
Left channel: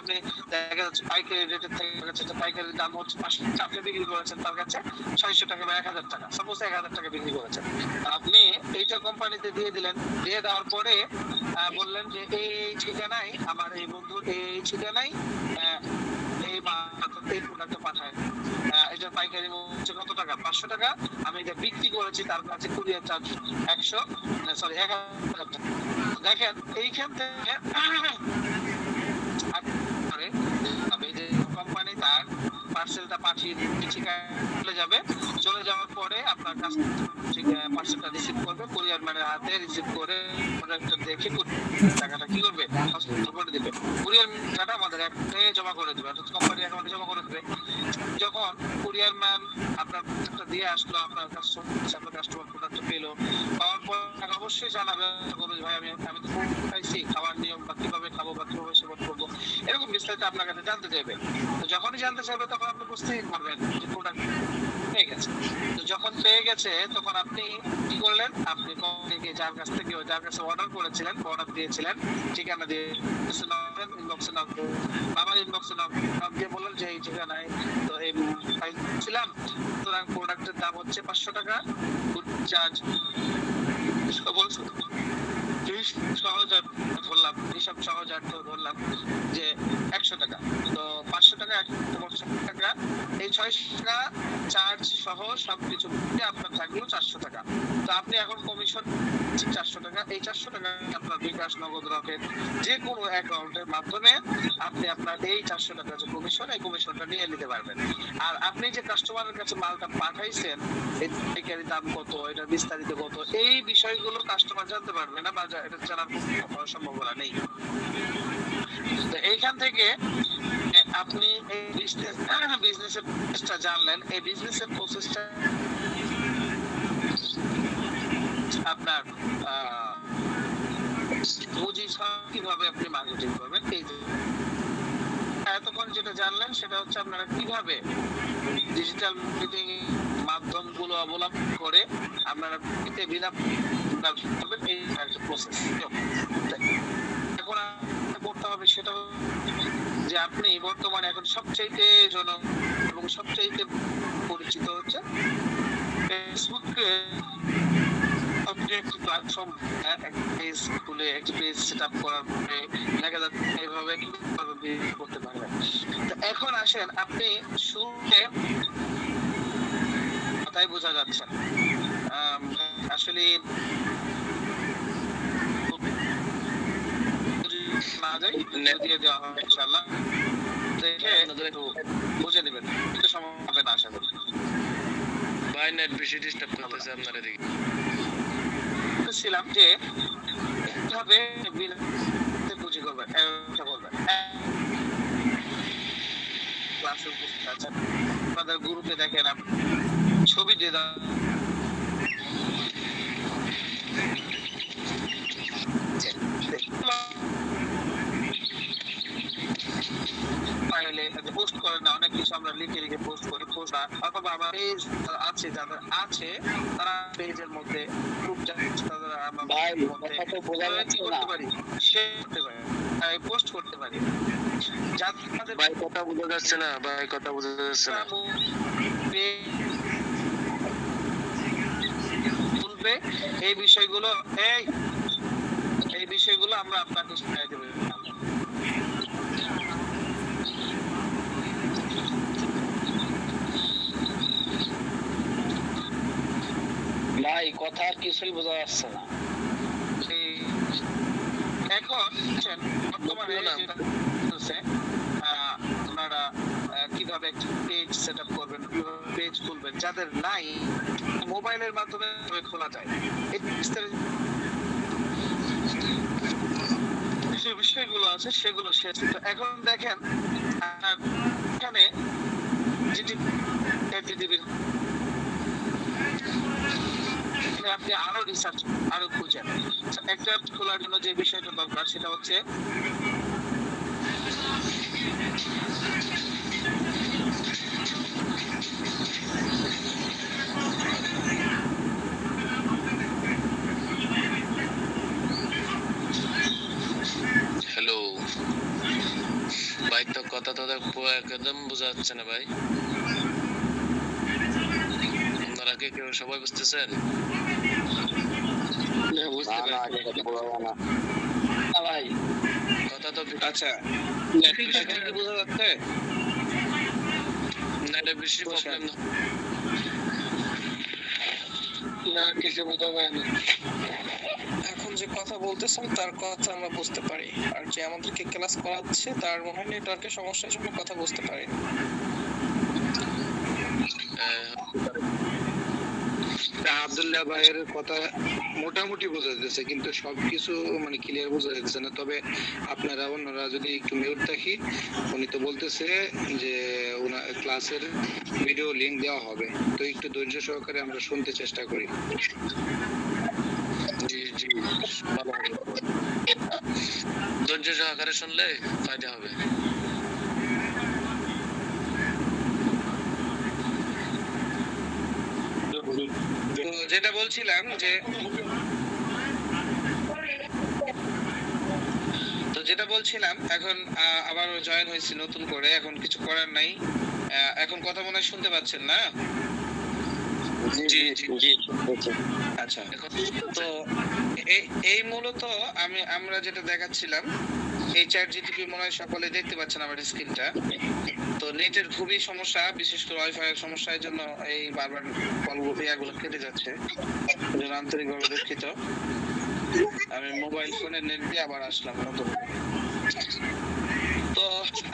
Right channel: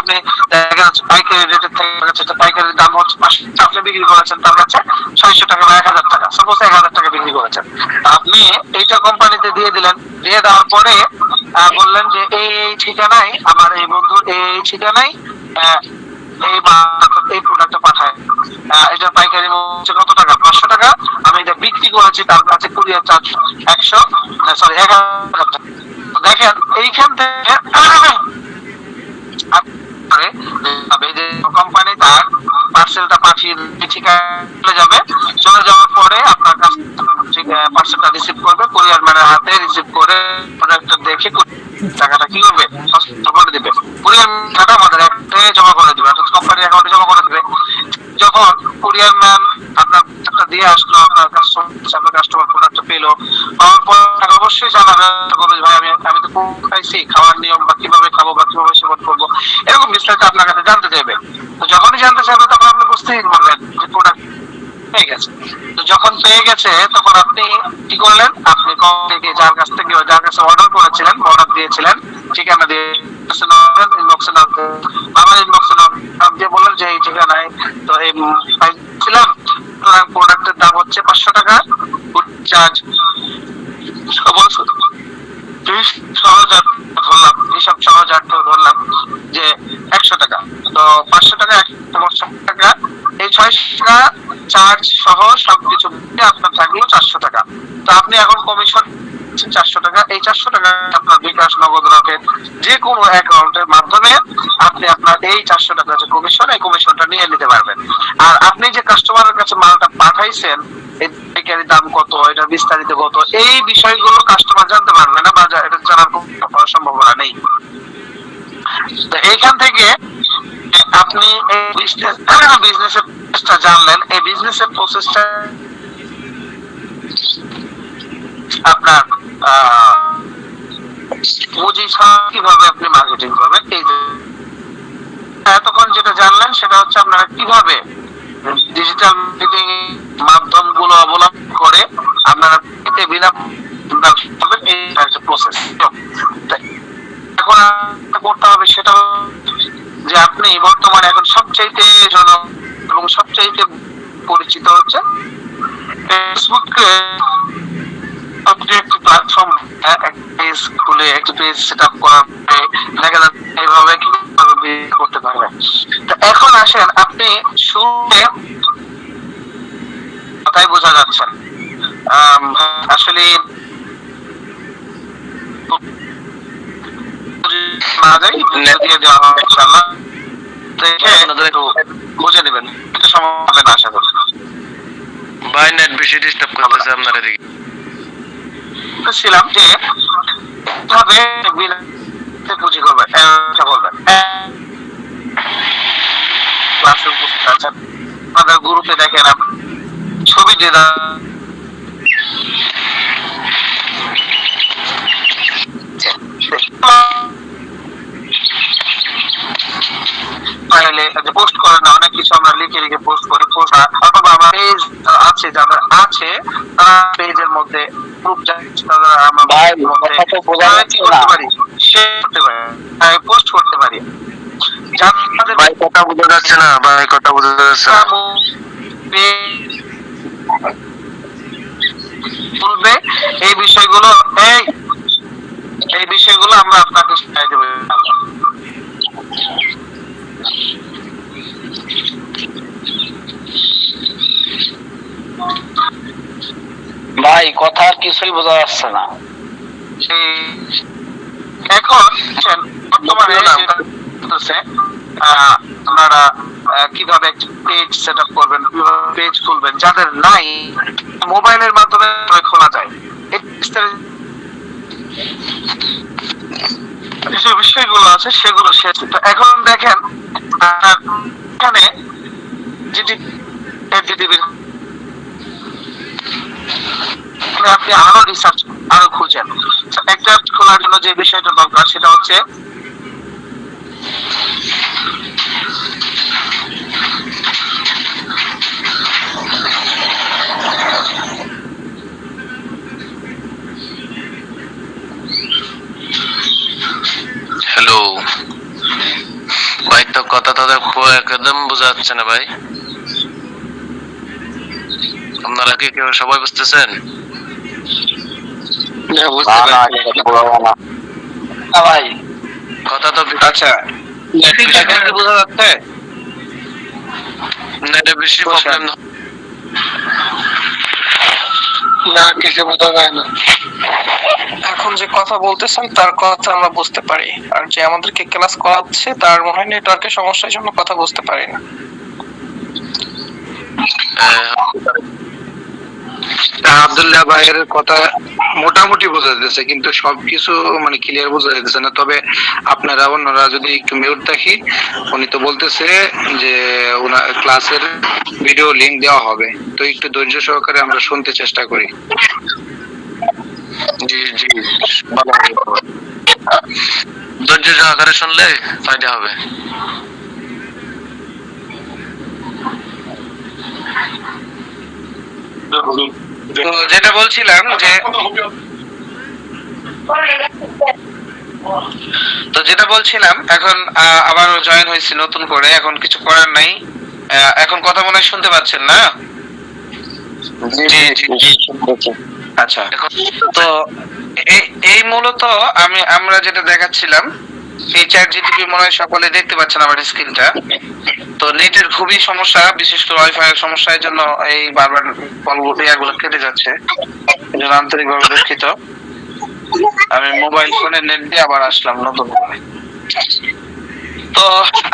আপনি দেখা যাচ্ছে পাইকারি রেটের থেকে পাইকারির দাম হচ্ছে 500 টাকা বিক্রি করেছেন, তার কাছে 600 টাকা বা 1000 টাকা, সাপোজ 1000 টাকা বিক্রি করেছেন। আপনি এইটা কোম্পানিতে দিয়ে দিলেন, দিয়ে দেওয়ার পরে বললেন যে এই ঠিকানায় আমার এই বন্ধুর এই ঠিকানায় এই প্রোডাক্টটা পাঠায়, এটা পাইকারি হচ্ছে কত টাকা, 500 টাকা, আমি এটা বিক্রি করেছি তার কাছে কুরিয়ার চার্জ 1000 টাকা। দেখেন এইখান থেকে করে যে কোম্পানি তার পার্সেলটা পাঠিয়ে ঠিকানা চলে যাবে, চলে যাওয়ার পরে আপনার কাছ থেকে পার্সেলটা রিসিভ করবে, কুরিয়ার ম্যানের হাতে রিসিভ করে প্রোডাক্টটা দেখে টাকাটা কি করবে হস্তান্তর করে দিবে। কুরিয়ার টাকা আমাদের অ্যাকাউন্টে জমা করে দিবে, অর্থাৎ কোম্পানির অ্যাকাউন্টে জমা করে দিবে। যখন কুরিয়ার ম্যান আপনার টাকা দিয়ে আসলো, আপনার কাস্টমার প্রোডাক্টটা পেলো, পাওয়ার পর অবশ্যই জানাবে ভাই আমি তো পাইছি, খাওয়ার নিয়ম বা কিভাবে খাবো বা কিভাবে সেবন করবো, এরকম বিস্তারিত আপনার কাছে জানতে চাইবে। তো যখনই জানতে চাইবে তখন আপনি বুঝতেই পারবেন যে প্রোডাক্ট পেয়ে গেছে। তো যখন পেয়ে গেছে তখন আপনি কি করলেন, আপনি থেকে যার কাছে অর্ডার করেছিলেন, অর্ডার দিয়েছিলেন, ঠিকানা দিয়ে দিয়ে বললেন যে এই ঠিকানায় তো এই পাইছিলাম, প্রোডাক্টের দাম হচ্ছে 500 টাকা, চার্জ ধরলাম যে 100 টাকা, তো 500 টাকা 100 টাকা, এই 600 টাকা চার্জ সহ সবকিছু আপনার থাকলো 400 টাকা। তো আপনি এখন কমিশন 400 টাকা, এই 400 টাকা আপনার বিকাশ, নগদ, রকেট যে কোনো অ্যাকাউন্টের মাধ্যমে আপনি আপনার এই 400 টাকা যে কমিশন, এই কমিশনটা নিয়ে নিতে পারবেন। আর আপনি যে কাস্টমারের কাছে মালটা পাঠাইছেন, এর দাম কত, এটা বিস্তারিত কত, এই বিষয়গুলো কাস্টমার জানতে পারবে না বা এটা জানার কোনো সম্ভাবনা নেই। তো এইখান থেকে আপনি এই বিজনেসের প্রসেসটা জানলেন, এই বিজনেসের প্রসেসটা আপনার পুঁজি ছাড়া কিভাবে আপনি মার্কেটিং করবেন, এই যে এতক্ষণ যেটা জানলেন সেটা হচ্ছে আপনারা কিভাবে ডিজিটাল মার্কেটিং মাধ্যমগুলো অবলম্বন করে আপনারা বিনা এই একটা প্রসেস। এখন করতে হবে সেটা যে আপনি বর্তমানে এখন সবচাইতে এবং সবচাইতে পরিচিত হচ্ছে ফেসবুকে। আপনি একটি প্ল্যাটফর্ম পেজ খুলে একটি পেজ সেট আপ করার পরে দেখা যাচ্ছে এইভাবে কিভাবে করতে পারবেন। তো এখন আসেন আপনি শুরুতে কথাই বোঝা যাচ্ছেন আসলে না যাই দিয়ে দেওয়া হবে ইনশাআল্লাহ, বুঝে নেবেন, একটু সময় হবে না আশা করি। ভাই নেট বেশি ডিস্টার্ব করতেছে আপনার এদিকে। ছিলাম যে কিভাবে পুঁজি করবেন, বলবেন ক্লাসে উপস্থিত আছেন, আপনাদের গ্রুপে দেখেন ছবি দিয়ে পোস্ট করেন না, অনেক কিছু আমরা লিখে লিখে পোস্ট করি, অথবা আমার পেজ আছে যাদের আছে তারা পেজের মধ্যে গ্রুপ কি করতে পারি, শেয়ার করতে পারি, পোস্ট করতে পারি। যাদের ভাই কথা বোঝা যাচ্ছে না, ভাই কথা বোঝা যাচ্ছে না। তুলবে এই বিষয়গুলো, এই বিষয়গুলো আমরা আপনাকে শিখাই দেবো। ভাই কথা আর কিছুই বোঝা যাচ্ছে না। এখন বর্তমানে আপনারা কিভাবে পেজ সেট আপ করবেন, কিভাবে পেজ খুলবেন, যাদের নাই মোবাইলের মাধ্যমে খোলা যায়, যে বিষয়গুলো আছে সেগুলো শেষ। এখন দেখেন এখানে আপনি আরো রিসার্চ আরো খুঁজেন। একটা খোলার জন্য যে বিষয়টা দরকার সেটা হচ্ছে হ্যালো ভাই, তো কথা তো একদম বোঝা যাচ্ছে না ভাই। আপনারা কি কেউ সবাই বুঝতেছেন? ভাই কথা তো আচ্ছা বোঝা যাচ্ছে, নেটে বেশি প্রবলেম। না কিছু বোঝা যায় না। এখন যে কথা বলতেছেন তার কথা আমরা বুঝতে পারি, আর যে আমাদেরকে ক্লাস করাচ্ছে তার মনে হয় নেটওয়ার্কের সমস্যার জন্য কথা বুঝতে পারি না। আব্দুল্লাহ ভাইয়ের কথা মোটামুটি বোঝা যাচ্ছে, কিন্তু সবকিছু মানে ক্লিয়ার বোঝা যাচ্ছে না। তবে আপনারা অন্যরা যদি একটু মিউট থাকি, উনি তো বলতেছে যে ওনার ক্লাসের ভিডিও লিংক দেওয়া হবে, তো একটু ধৈর্য সহকারে আমরা শুনতে চেষ্টা করি। জি জি, ভালো হবে। ধৈর্য সহকারে শুনলে ফায়দা হবে। তো যেটা বলছিলাম যে এখন আবার জয়েন হয়েছি নতুন করে, এখন কিছু করার নাই। এখন কথা মনে হয় শুনতে পাচ্ছেন না? জি জি জি। আচ্ছা, তো এই মূলত আমরা যেটা দেখাচ্ছিলাম, এই চ্যাট জিটিপি মনে হয় সকলে দেখতে পাচ্ছেন আমার স্ক্রিনটা। তো নেটের খুবই সমস্যা, বিশেষ করে ওয়াইফাই এর সমস্যার জন্য এই বারবার কলগুলো কেটে যাচ্ছে, এই জন্য আন্তরিকভাবে দুঃখিত। আমি মোবাইল ফোনে নেট দিয়ে আবার আসলাম নতুন করে। তো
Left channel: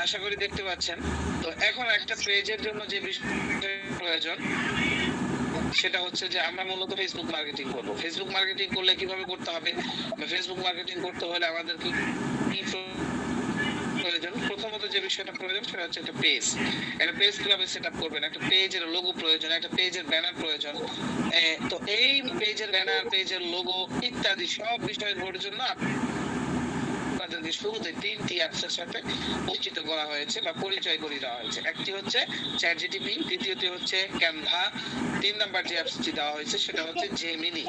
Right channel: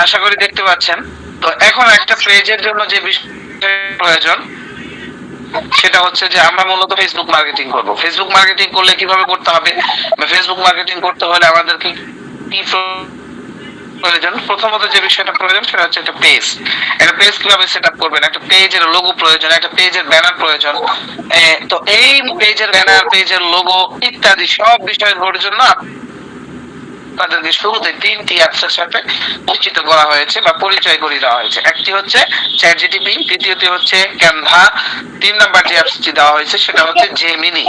আশা করি দেখতে পাচ্ছেন। তো এখন একটা পেজের জন্য যে বিষয় প্রয়োজন সেটা হচ্ছে যে আমরা মূলত ফেসবুক মার্কেটিং করব। ফেসবুক মার্কেটিং করলে কিভাবে করতে হবে, বা ফেসবুক মার্কেটিং করতে হলে আমাদের কি প্রয়োজন? প্রথমত যে বিষয়টা প্রয়োজন সেটা হচ্ছে একটা পেজ। একটা পেজ কিভাবে সেট আপ করবেন, একটা পেজের লোগো প্রয়োজন, একটা পেজের ব্যানার প্রয়োজন। তো এই পেজের ব্যানার, পেজের লোগো ইত্যাদি সব বিষয়গুলোর জন্য আপনাদেরকে শুরুতে 3টি অ্যাপসের সাথে পরিচিত করা হয়েছে বা পরিচয় করিয়ে দেওয়া হয়েছে। একটি হচ্ছে চ্যাটজিটিপি, দ্বিতীয়টি হচ্ছে ক্যানভা, 3 নাম্বার যে অ্যাপসটি দেওয়া হয়েছে সেটা হচ্ছে জেমিনি।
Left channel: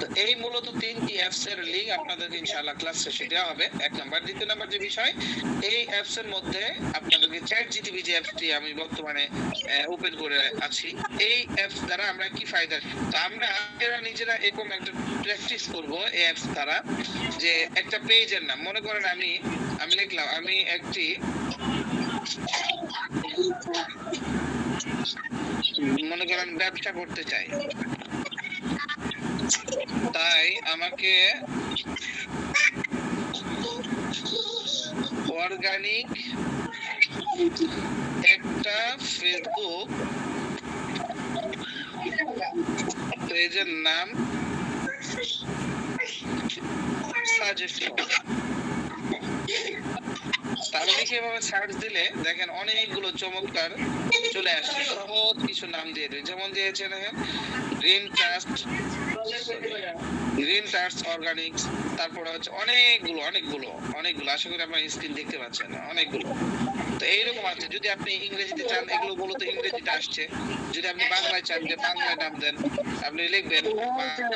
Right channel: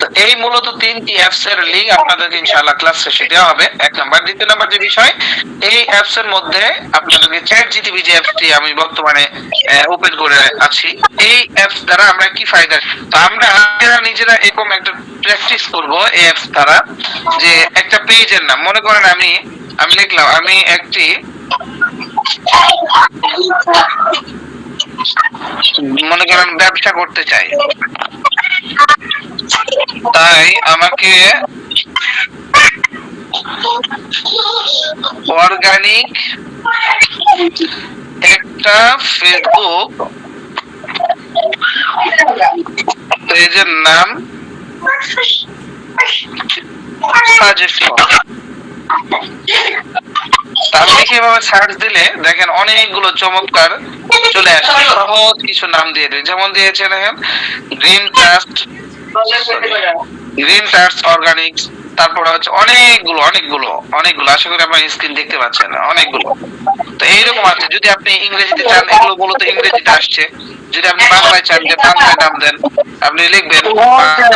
তো এই মূলত 3টি অ্যাপস এর লিংক আপনাদেরকে ইনশাআল্লাহ ক্লাস শেষে দেওয়া হবে, 1 নাম্বার। দ্বিতীয় নাম্বার যে বিষয়, এই অ্যাপস এর মধ্যে আপনাদেরকে চ্যাটজিটিপি যে অ্যাপসটি আমি বর্তমানে ওপেন করে আছি, এই অ্যাপস দ্বারা আমরা কি ফায়দা, তো আমরা নিজেরা এরকম একটা প্র্যাকটিস করব এই অ্যাপস দ্বারা। যে একটা পেজের নাম মনে করেন আমি লিখলাম আমি একটি মনে করেন ব্যবসা করতে চাই, তাই আমাকে অর্গানিক একটা ফেসবুক পেজের নাম সাজেস্ট করো। আপনি কিভাবে সার্চ দিলে দেখেন অনেকগুলো চমৎকার চলে আসছে, সহজ কিছু নাম দিয়ে দেয়। যেমন দিয়েছে দেখেন গ্রিন টাস্ট অর্গানিক, তারপরে হচ্ছে অনেকগুলো আশা করি আপনার স্ক্রিন দেখতে পাচ্ছেন, অনেকগুলো। তো এইরকম আছে। যদি আপনি ইংরেজিতে চান, এগুলো মূলত ইংরেজিতে আসছে। যদি আপনি বাংলায় চান যে বাংলায় নাম দেন, আপনি লিখবেন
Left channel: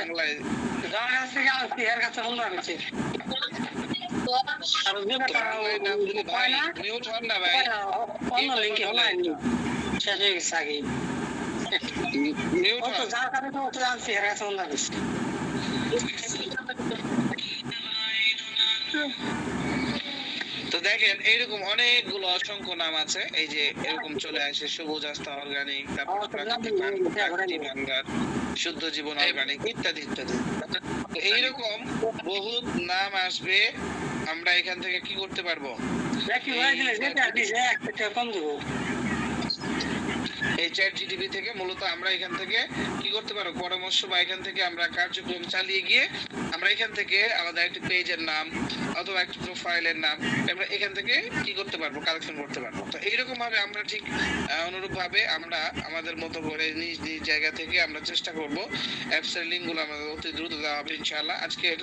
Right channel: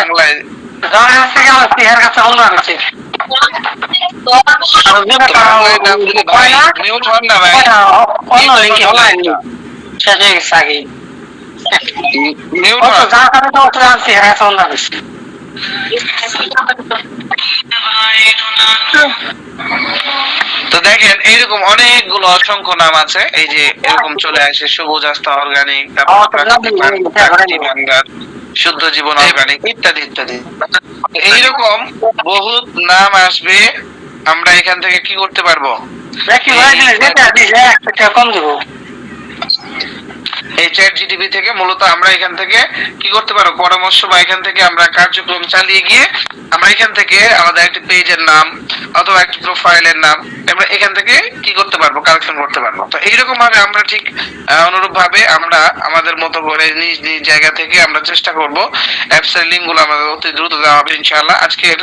বাংলায়। বাংলায় নাম দিলে ভাই মিউট হন না ভাই, মিউট হন। তো দেখেন এইরকম অনেকগুলো অসংখ্য নাম আছে, এই যে এরকম চলে আসে সবুজ আস্থা অর্গানিক, তারপর প্রাকৃতিক ভান্ডার, শুদ্ধ জীবন অর্গানিক ইত্যাদি ইত্যাদি। এইরকম বহুত নাম আসবে। আমরা এখান থেকে কি করতে পারবো, এই চ্যাট জিটিপি থেকে মূলত আমরা এখান থেকে কি করতে পারবো, পরামর্শ বা এখান থেকে আমরা কার্যক্রম চালিয়ে গিয়ে আমরা এখান থেকে আমাদের একটি পেজের নাম অথবা একটি প্রোফাইলের নাম আমরা এখান থেকে কি করতে পারবো, কালেকশন করতে পারবো। তো এইরকম ভাবে আমরা ঠিক অনুরূপ ভাবে আমরা আমাদের মতো করে নিজ নিজ জায়গা থেকে আমরা চেষ্টা করব অ্যাপস এর লিংক গুলো আমাদের অতি দ্রুত দেওয়া হবে ইনশাআল্লাহ। আজকের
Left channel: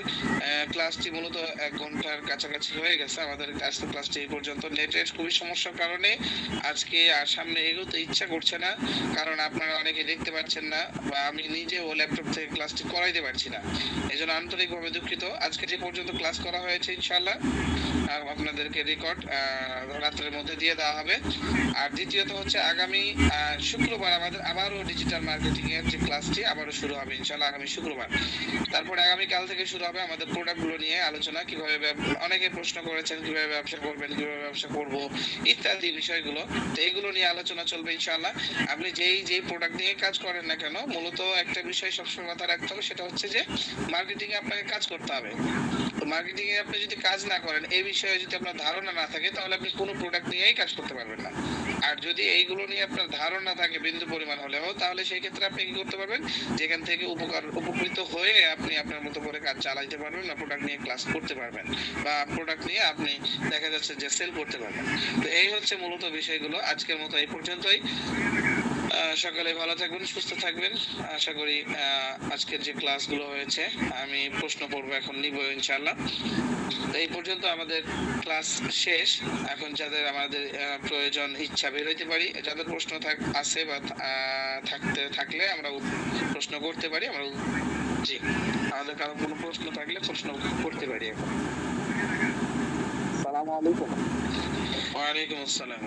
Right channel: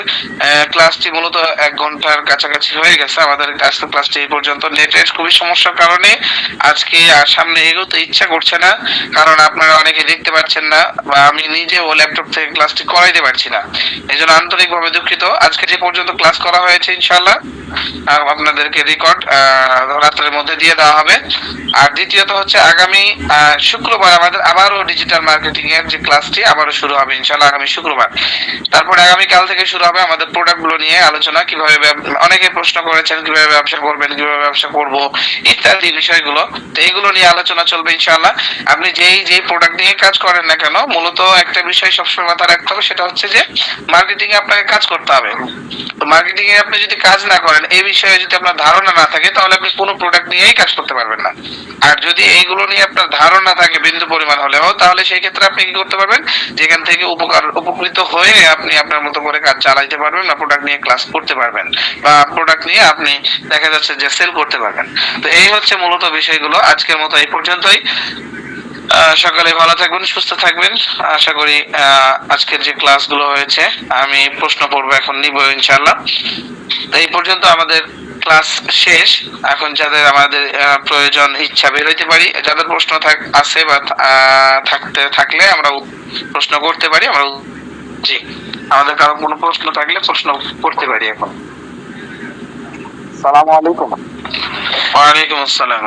ক্লাসটি মূলত 1 ঘন্টার কাছাকাছি হয়ে গেছে আমাদের আজকের ক্লাসটি এই পর্যন্ত। নেটের খুবই সমস্যার কারণে আজকে আর সামনে এগোতে ইচ্ছা করছে না, কারণ আপনারা অনেকে দেখতে পাচ্ছেন না বা আমি নিজেও ল্যাপটপ থেকে ক্লাসটি করাইতে পারছি না, এই জন্য আন্তরিকভাবে দুঃখিত। আজকে যে পর্যন্ত ক্লাস করা হয়েছে ইনশাআল্লাহ। আপনাদেরকে রেকর্ড রাত্রের মধ্যে দিয়ে দেওয়া হবে। আর দ্বিতীয়ত হচ্ছে আগামী শুক্রবার আমাদের আবারও ডিজিটাল মার্কেটিং এর যে ক্লাসটি আবারও শুরু হবে ইনশাআল্লাহ আগামী শুক্রবার। তারপরে আগামীকাল থেকে শুরু হবে আমাদের প্রোডাক্টগুলো নিয়ে আলোচনা, কিভাবে অনেকে প্রশ্ন করেছেন কিভাবে ব্যবসা করবেন, কিভাবে ব্যবসা করব ইত্যাদি বিষয়গুলো। তো এইগুলো নিয়ে আলোচনা চলবে ইনশাআল্লাহ। আপনি যেই প্রোডাক্ট নিয়ে কাজ করেন না কেন, মূলত একটা বিষয় সবসময় মাথায় রাখতে হবে, সেটা হচ্ছে যে মার্কেটিং এ আপনাকে কাজ করতে হবে। তো মার্কেটিং এ আপনি যদি কাজ না করেন, এই বিষয়ে যদি আপনার ধারণা না থাকে, তাহলে আপনি কোনো প্রোডাক্ট নিয়েই কাজ করতে পারবেন না। আর যদি এইগুলো নিয়ে আপনার ধারণা থাকে বিন্দু পরিমাণ হলেও, তাহলে সেই ক্ষেত্রে আপনি কি করতে পারবেন, যেখান থেকে উপকৃত হয়ে আপনি আপনার মতো করে কাজ চালাইতে পারবেন বা প্রোডাক্ট নিয়ে ক্লাস করতে পারবেন বা প্রোডাক্ট নিয়ে আপনি দেখা যাচ্ছে যে সেল করতে পারবেন। তো এই হচ্ছে মূলত বিষয়গুলো। আজকের মতো এই পর্যন্তই। সকালে ভালো থাকবেন, সুস্থ থাকবেন। আশা করি আজকের যে ক্লাসগুলো হয়েছে, আমি প্রশ্ন পড়বো এখন নিব ইনশাআল্লাহ। তো এই পর্যন্ত আমাদের ক্লাস শেষ। এখন যাদের আমাদের প্রয়োজন ইচ্ছা বের হইতে পারি, যাদের প্রশ্ন আছে বা থাকলে আমরা প্রশ্ন করতে পারি। আমরা জি, আমাদের কারো কোনো প্রশ্ন থাকলে প্রশ্ন করতে পারি এখন। সালাম আলাইকুম ওয়ালাইকুম আসসালাম।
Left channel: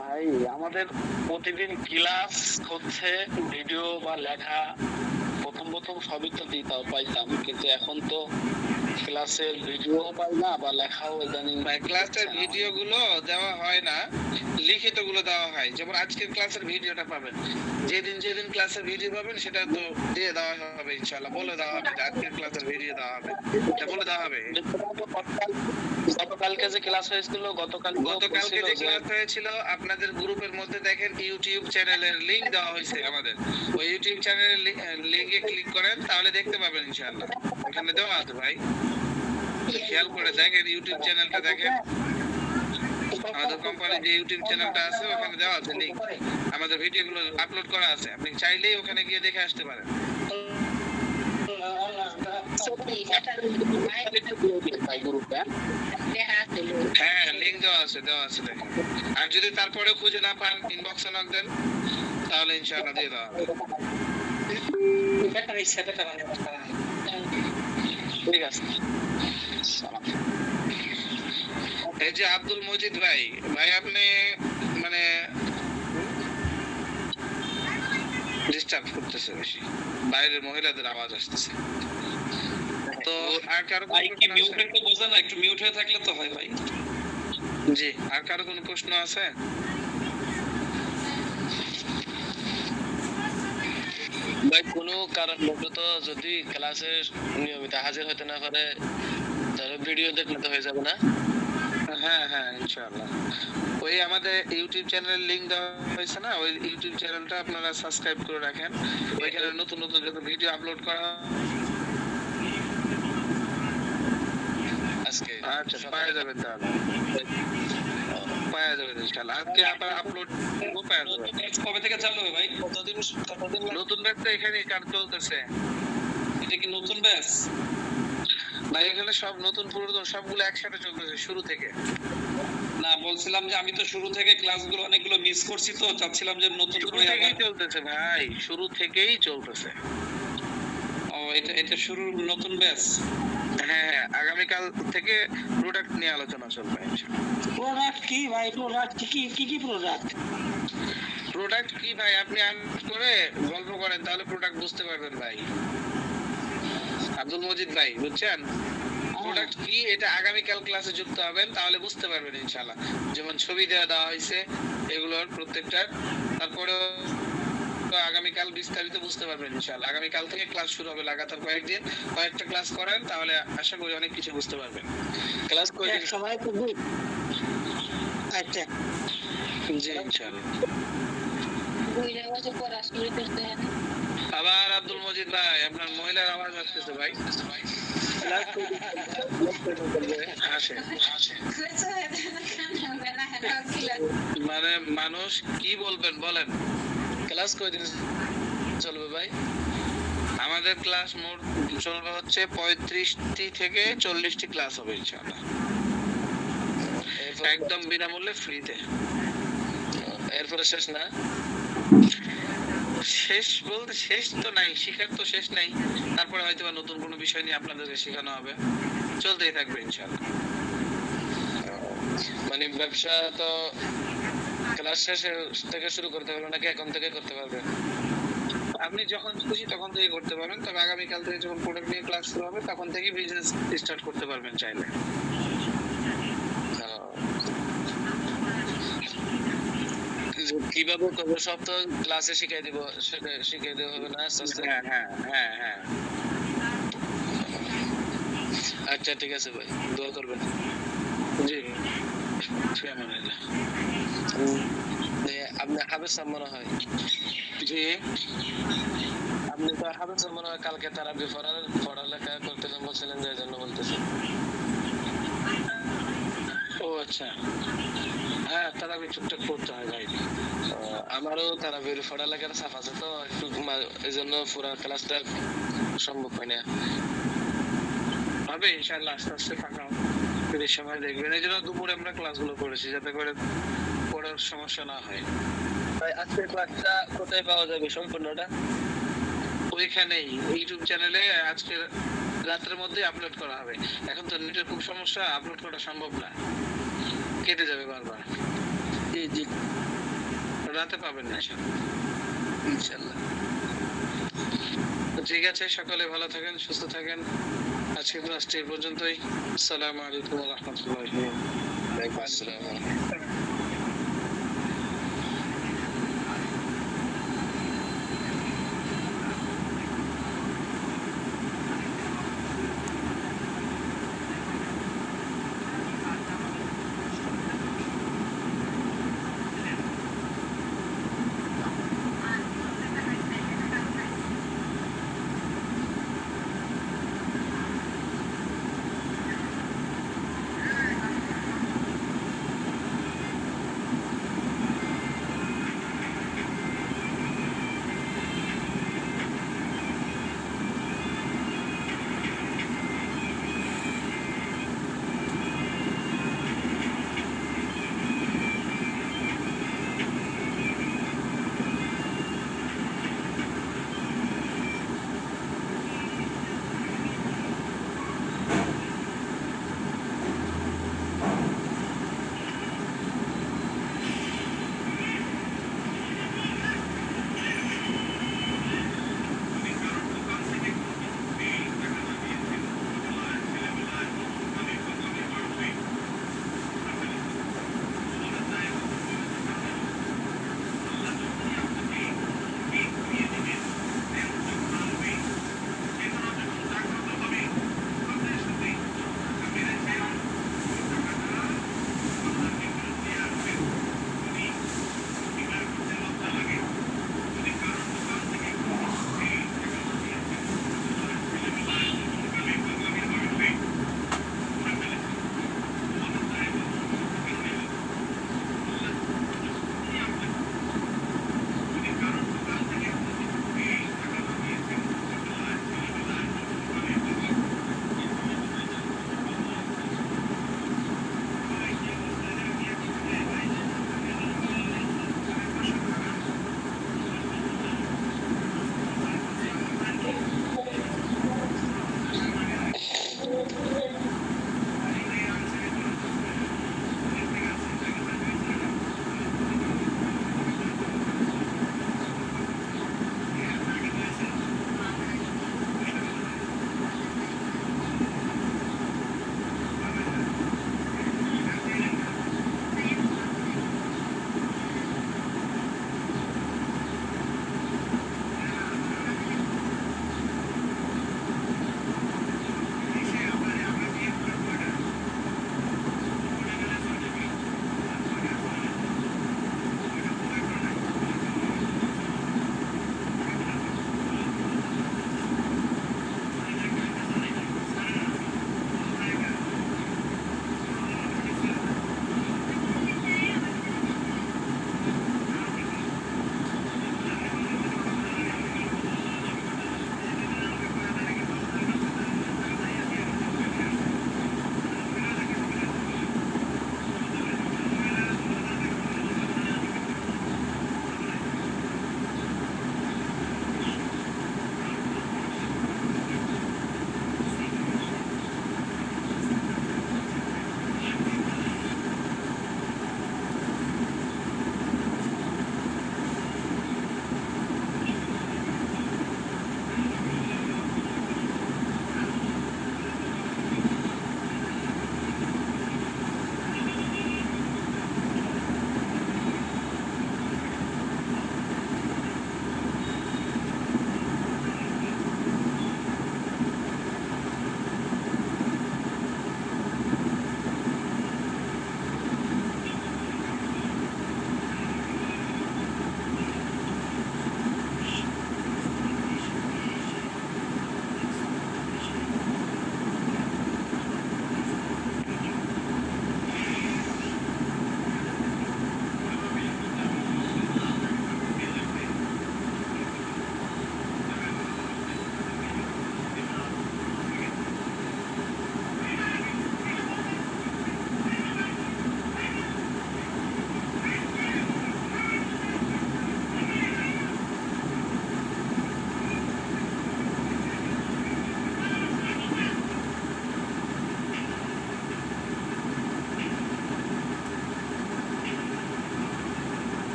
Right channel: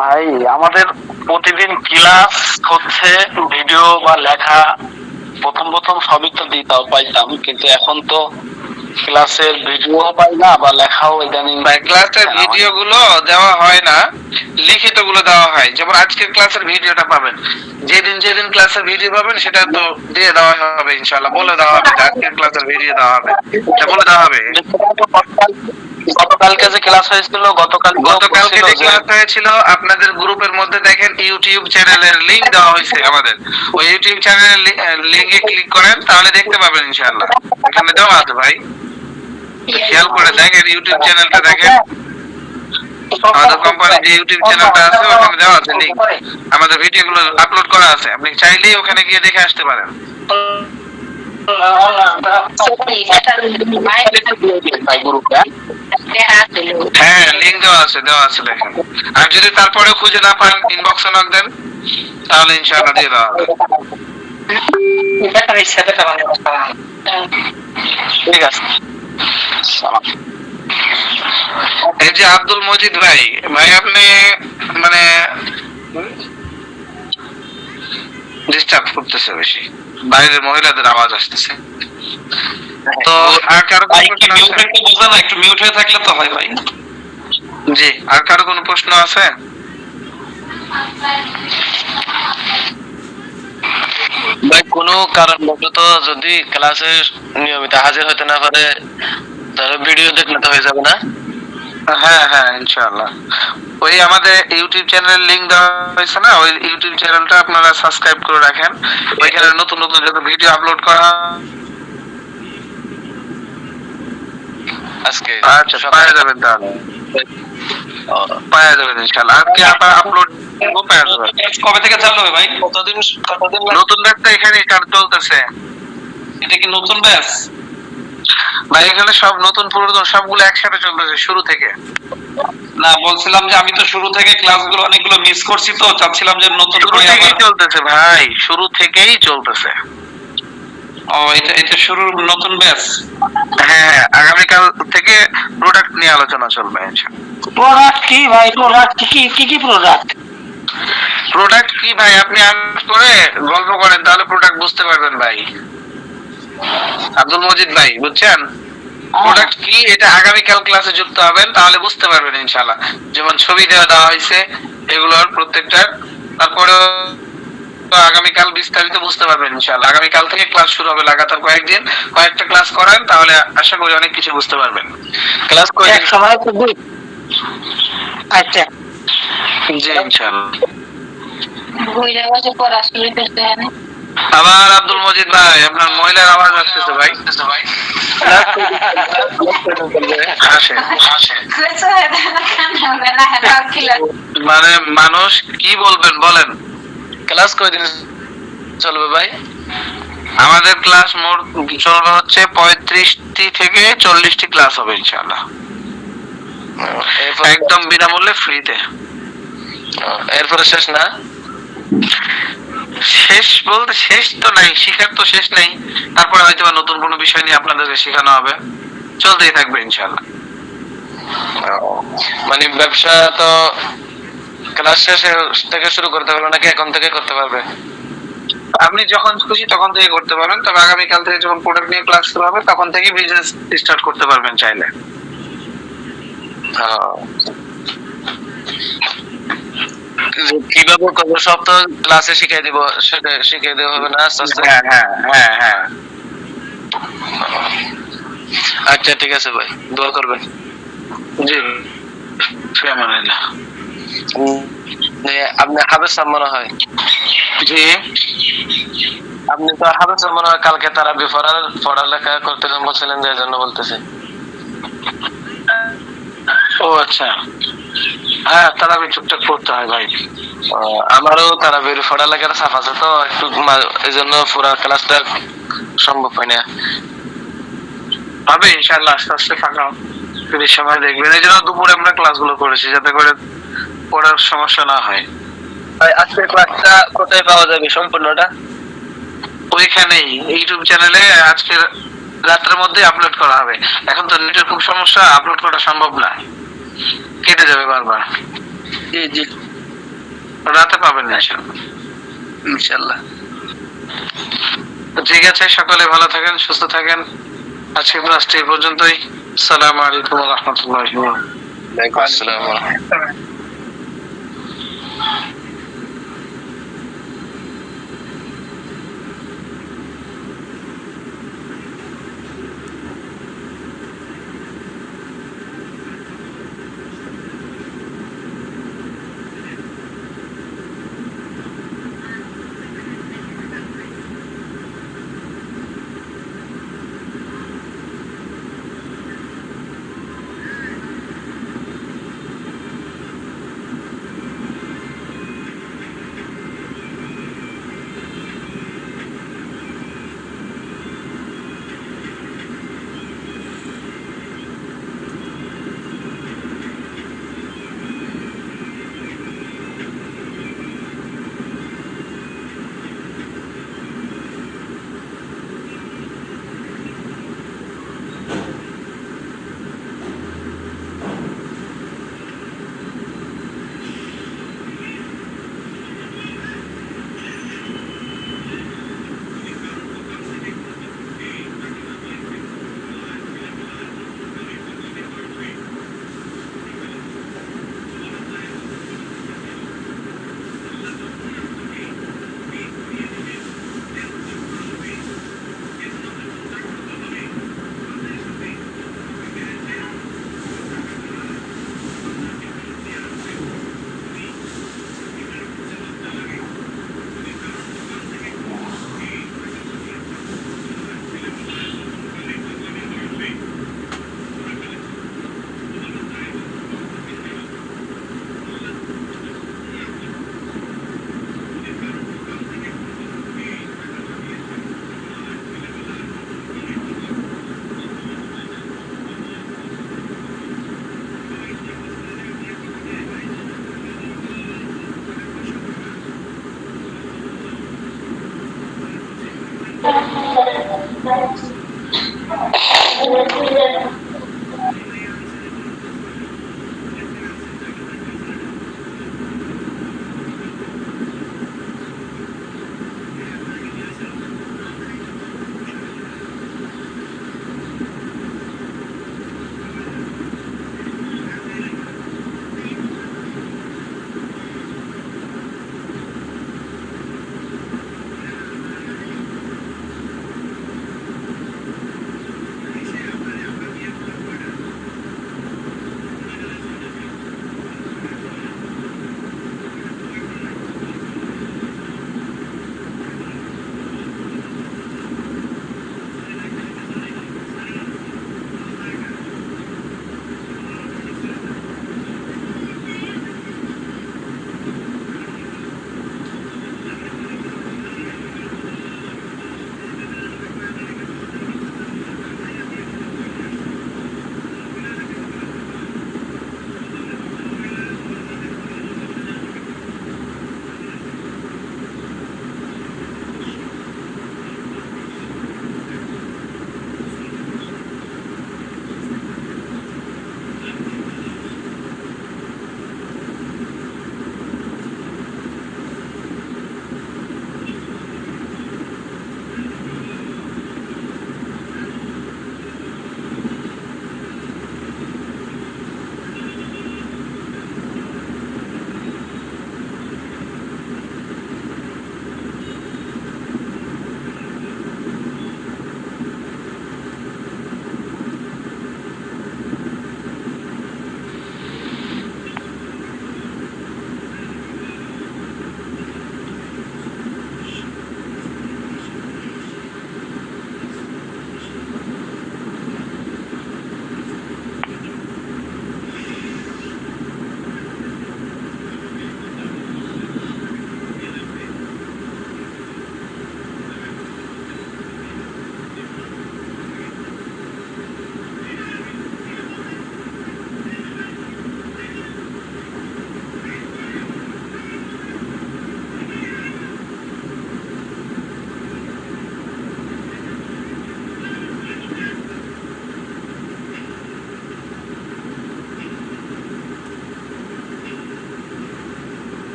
ভাই, আমাদের প্রতিদিন ক্লাস হচ্ছে, ভিডিও বা লেখা প্রথম সবই তো দিতাম পাইতাম, কিন্তু এখন তো ক্লাসের ভিডিও পাই না বা লেখাও ইদানিং। ক্লাসের ভিডিও গুলো দেওয়া হয় না, লিখিত গুলো দেওয়া হয়। যেমন আজকের ক্লাসের ভিডিওটা পাবেন, যেদিন ক্লাসের ভিডিও পাবেন সেটা তো দিয়ে দেওয়া হবে ইনশাআল্লাহ। বলে দেওয়া হবে যে আজকের ক্লাসের ভিডিও দেওয়া হবে, এটা বলে দেওয়া হবে। গতকালকে যে ক্লাস হয়েছিল, গতকালকে যে ক্লাস হয়েছিল আপনাদের গ্রুপের মধ্যে দেখেন ইউটিউব চ্যানেলের লিংক দেওয়া হয়েছে আমাদের। ওই ইউটিউব চ্যানেলের লিংকে ক্লিক করেন, তাহলে দেখতে পাবেন ইনশাআল্লাহ। এখানে দেওয়া আছে ভাই, খেয়াল করে দেখেন ইউটিউব চ্যানেলটা দেখেন। আমাদের কোম্পানির যে ইউটিউব চ্যানেলটা আছে ওখানে দেওয়া আছে লিংক, আমাদের ভিডিওগুলো আপলোড করা আছে। আপনি চাইলেই ওখানে গিয়ে দেখে আসতে পারেন। হ্যাঁ, লিংক দেওয়া আছে দেখেন। আর যদি তারপরে খুঁজে না পান, ইনবক্সে নক দেন, তাহলে ইনশাআল্লাহ দিয়ে দেওয়া হবে। ঠিক আছে। এই যে আব্দুল মজিদ ভাই, আপনি মানে ডিস্টার্ব করতেছে বেশি, বাইরের মহিলাদের আওয়াজ আসতেছে। তো আর কারো একটু মিউট হয়ে থাকলে তো হয় ভাই। জি, আর কারো কোনো প্রশ্ন আছে? ভাই কোনো কারণবশত যদি ক্লাসে নিয়মিত হাজির হতে না পারে, তাহলে ভিডিও দেখলে তো হয়ে যাবে না? হ্যাঁ ইনশাআল্লাহ। ওই আমাদের ইউটিউব চ্যানেলের লিংক দেওয়া হয়েছে না, ওই ইউটিউব চ্যানেলটা আপনারা সাবস্ক্রাইব করে রাখেন। ওইখানে নতুন যত ভিডিও আপলোড করা আজকে আচ্ছা পাওয়া যাবেন, তাহলে পাওয়া যাবেন ইনশাআল্লাহ। আজকে আপনারা আপলোড পাওয়া যাবে। কবে থেকে চালু হবে ভাই? কতদিন নতুন ব্যাচটা এখানে চলতেছে। এটা কি নতুন ব্যাচ? ভাই এখানে সব নতুন পুরাতন সবগুলো একসাথে চলতেছে শুরু থেকে। না, বলছিলাম যে আমি তো শুরু থেকে ক্লাসগুলো অনেকগুলো মিস করছি, তো চাচ্ছিলাম যে নতুন শুরু করে থেকেই চলতেছে ভাই, শুরু থেকেই চলতেছে। ও, এটা শুরুর নতুন ব্যাচ। হ্যাঁ, আগামীকাল থেকে প্রোডাক্ট নিয়ে আলোচনা চলবে ইনশাআল্লাহ। প্রোডাক্ট কি ভাই? প্রোডাক্ট কি প্রোডাক্ট? প্রোডাক্ট কি ভাই, আপনি করে গল্প করেন তাহলে প্রোডাক্ট বুঝতে পারবেন ভাই। আব্দুল মজিদ ভাই, বুঝছেন প্রোডাক্ট কি? এটা আগামীকাল ক্লাসে যুক্ত হবেন, তাহলে বুঝতে পারবেন ইনশাআল্লাহ। যেমন ছবি দেওয়া হয়েছে এগুলোর প্রত্যেকটার, তারপরে আগামীকাল বিস্তারিত বুঝতে পারবেন ইনশাআল্লাহ। আগামীকাল থেকে ক্লাস শুরু হবে, লাগাতার কয়েকটা ক্লাস করেন, তাহলে আশা করি অনেক কিছু বুঝতে পারবেন। ক্লাস করে এক সময় খুব। আচ্ছা, জি ইনশাআল্লাহ। পড়াশোনা করতে হয় না। আবার আব্দুল মজিদ ভাই, আপনার মহিলার আওয়াজ আসতেছে ভাই। মানে মানুষ কি বলবেন বলেন? ক্লাস কয়দিন চলবে ভাই? আমাদের ক্লাস মোট চলবে হচ্ছে 35টি থেকে 40টি ক্লাস হবে ইনশাআল্লাহ, একদম বিনামূল্যে ফ্রিতে। এরপরে শেষ না? শেষ বলতে শেষ তো নাই, শিখার তো শেষ নেই। তারপরে হয়তো বা নতুন কোনো বিষয় নিয়ে আপনাদেরকে শেখানো হবে, চলতেই থাকবে ইনশাআল্লাহ। মানে ব্যবসা তো ক্লাস শেষে থেকে শুরু করতে পারবে নাকি এখন থেকে করতে পারবে? আপনি যখন খুশি তখন থেকে করতে পারবেন, তবে আগামীকাল থেকে যখন প্রোডাক্ট নিয়ে ক্লাস শুরু হবে তখন থেকে বিজনেস স্টার্ট করতে পারবেন চাইলে। কিভাবে করবো সব তো ক্লাসে শিখিয়ে দিব, সেটা শিখিয়ে দেওয়া হবে না আস্তে আস্তে? হ্যাঁ হ্যাঁ হ্যাঁ হ্যাঁ। আচ্ছা ঠিক আছে ভাই, দোয়া করবেন। জি ফিয়ামানিল্লাহ। আপনি হাফেজ সাহেব মনে হয়? জি আপনি তো হাফেজ সাহেব মনে হয়, কালকে তারা পড়ালেখা করতে বলছিলেন যে জন্য বলতেছে। ও আচ্ছা, হ্যাঁ তারা টুকটাক পড়তে হয় ভাই। আমারও তারা পড়ালেখার চাপ আছে তো একটু, এই জন্য পুরা ক্লাসটা সম্ভব হয় না। হবে ইনশাআল্লাহ, আস্তে আস্তে ফাঁকা ফ্রির সময় দেখবেন। এই জন্য দুপুরে আমরা ক্লাসগুলো করেছি যাতে করে পড়ার সমস্যা না হয়। আজকের ক্লাসটা কোথায় পাওয়া যাবে সম্পূর্ণটা? ওইখানেই ইউটিউব চ্যানেলে আজকের রাতের মধ্যে আপলোড করা হবে। এখন তো নেটের খুব সমস্যা, আপলোড করা সম্ভব না, কেটে যাবে বারবার। জি জি রাতে পাবেন না ইনশাআল্লাহ। ঠিক আছে, সকলে ভালো থাকেন, সুস্থ থাকেন। আজকের ক্লাসটি এই পর্যন্তই। আসসালামু আলাইকুম ওয়া রাহমাতুল্লাহি ওয়া বারাকাতুহু। ওয়ালাইকুম আসসালাম।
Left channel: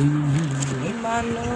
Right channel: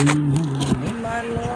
তুমি মানুষ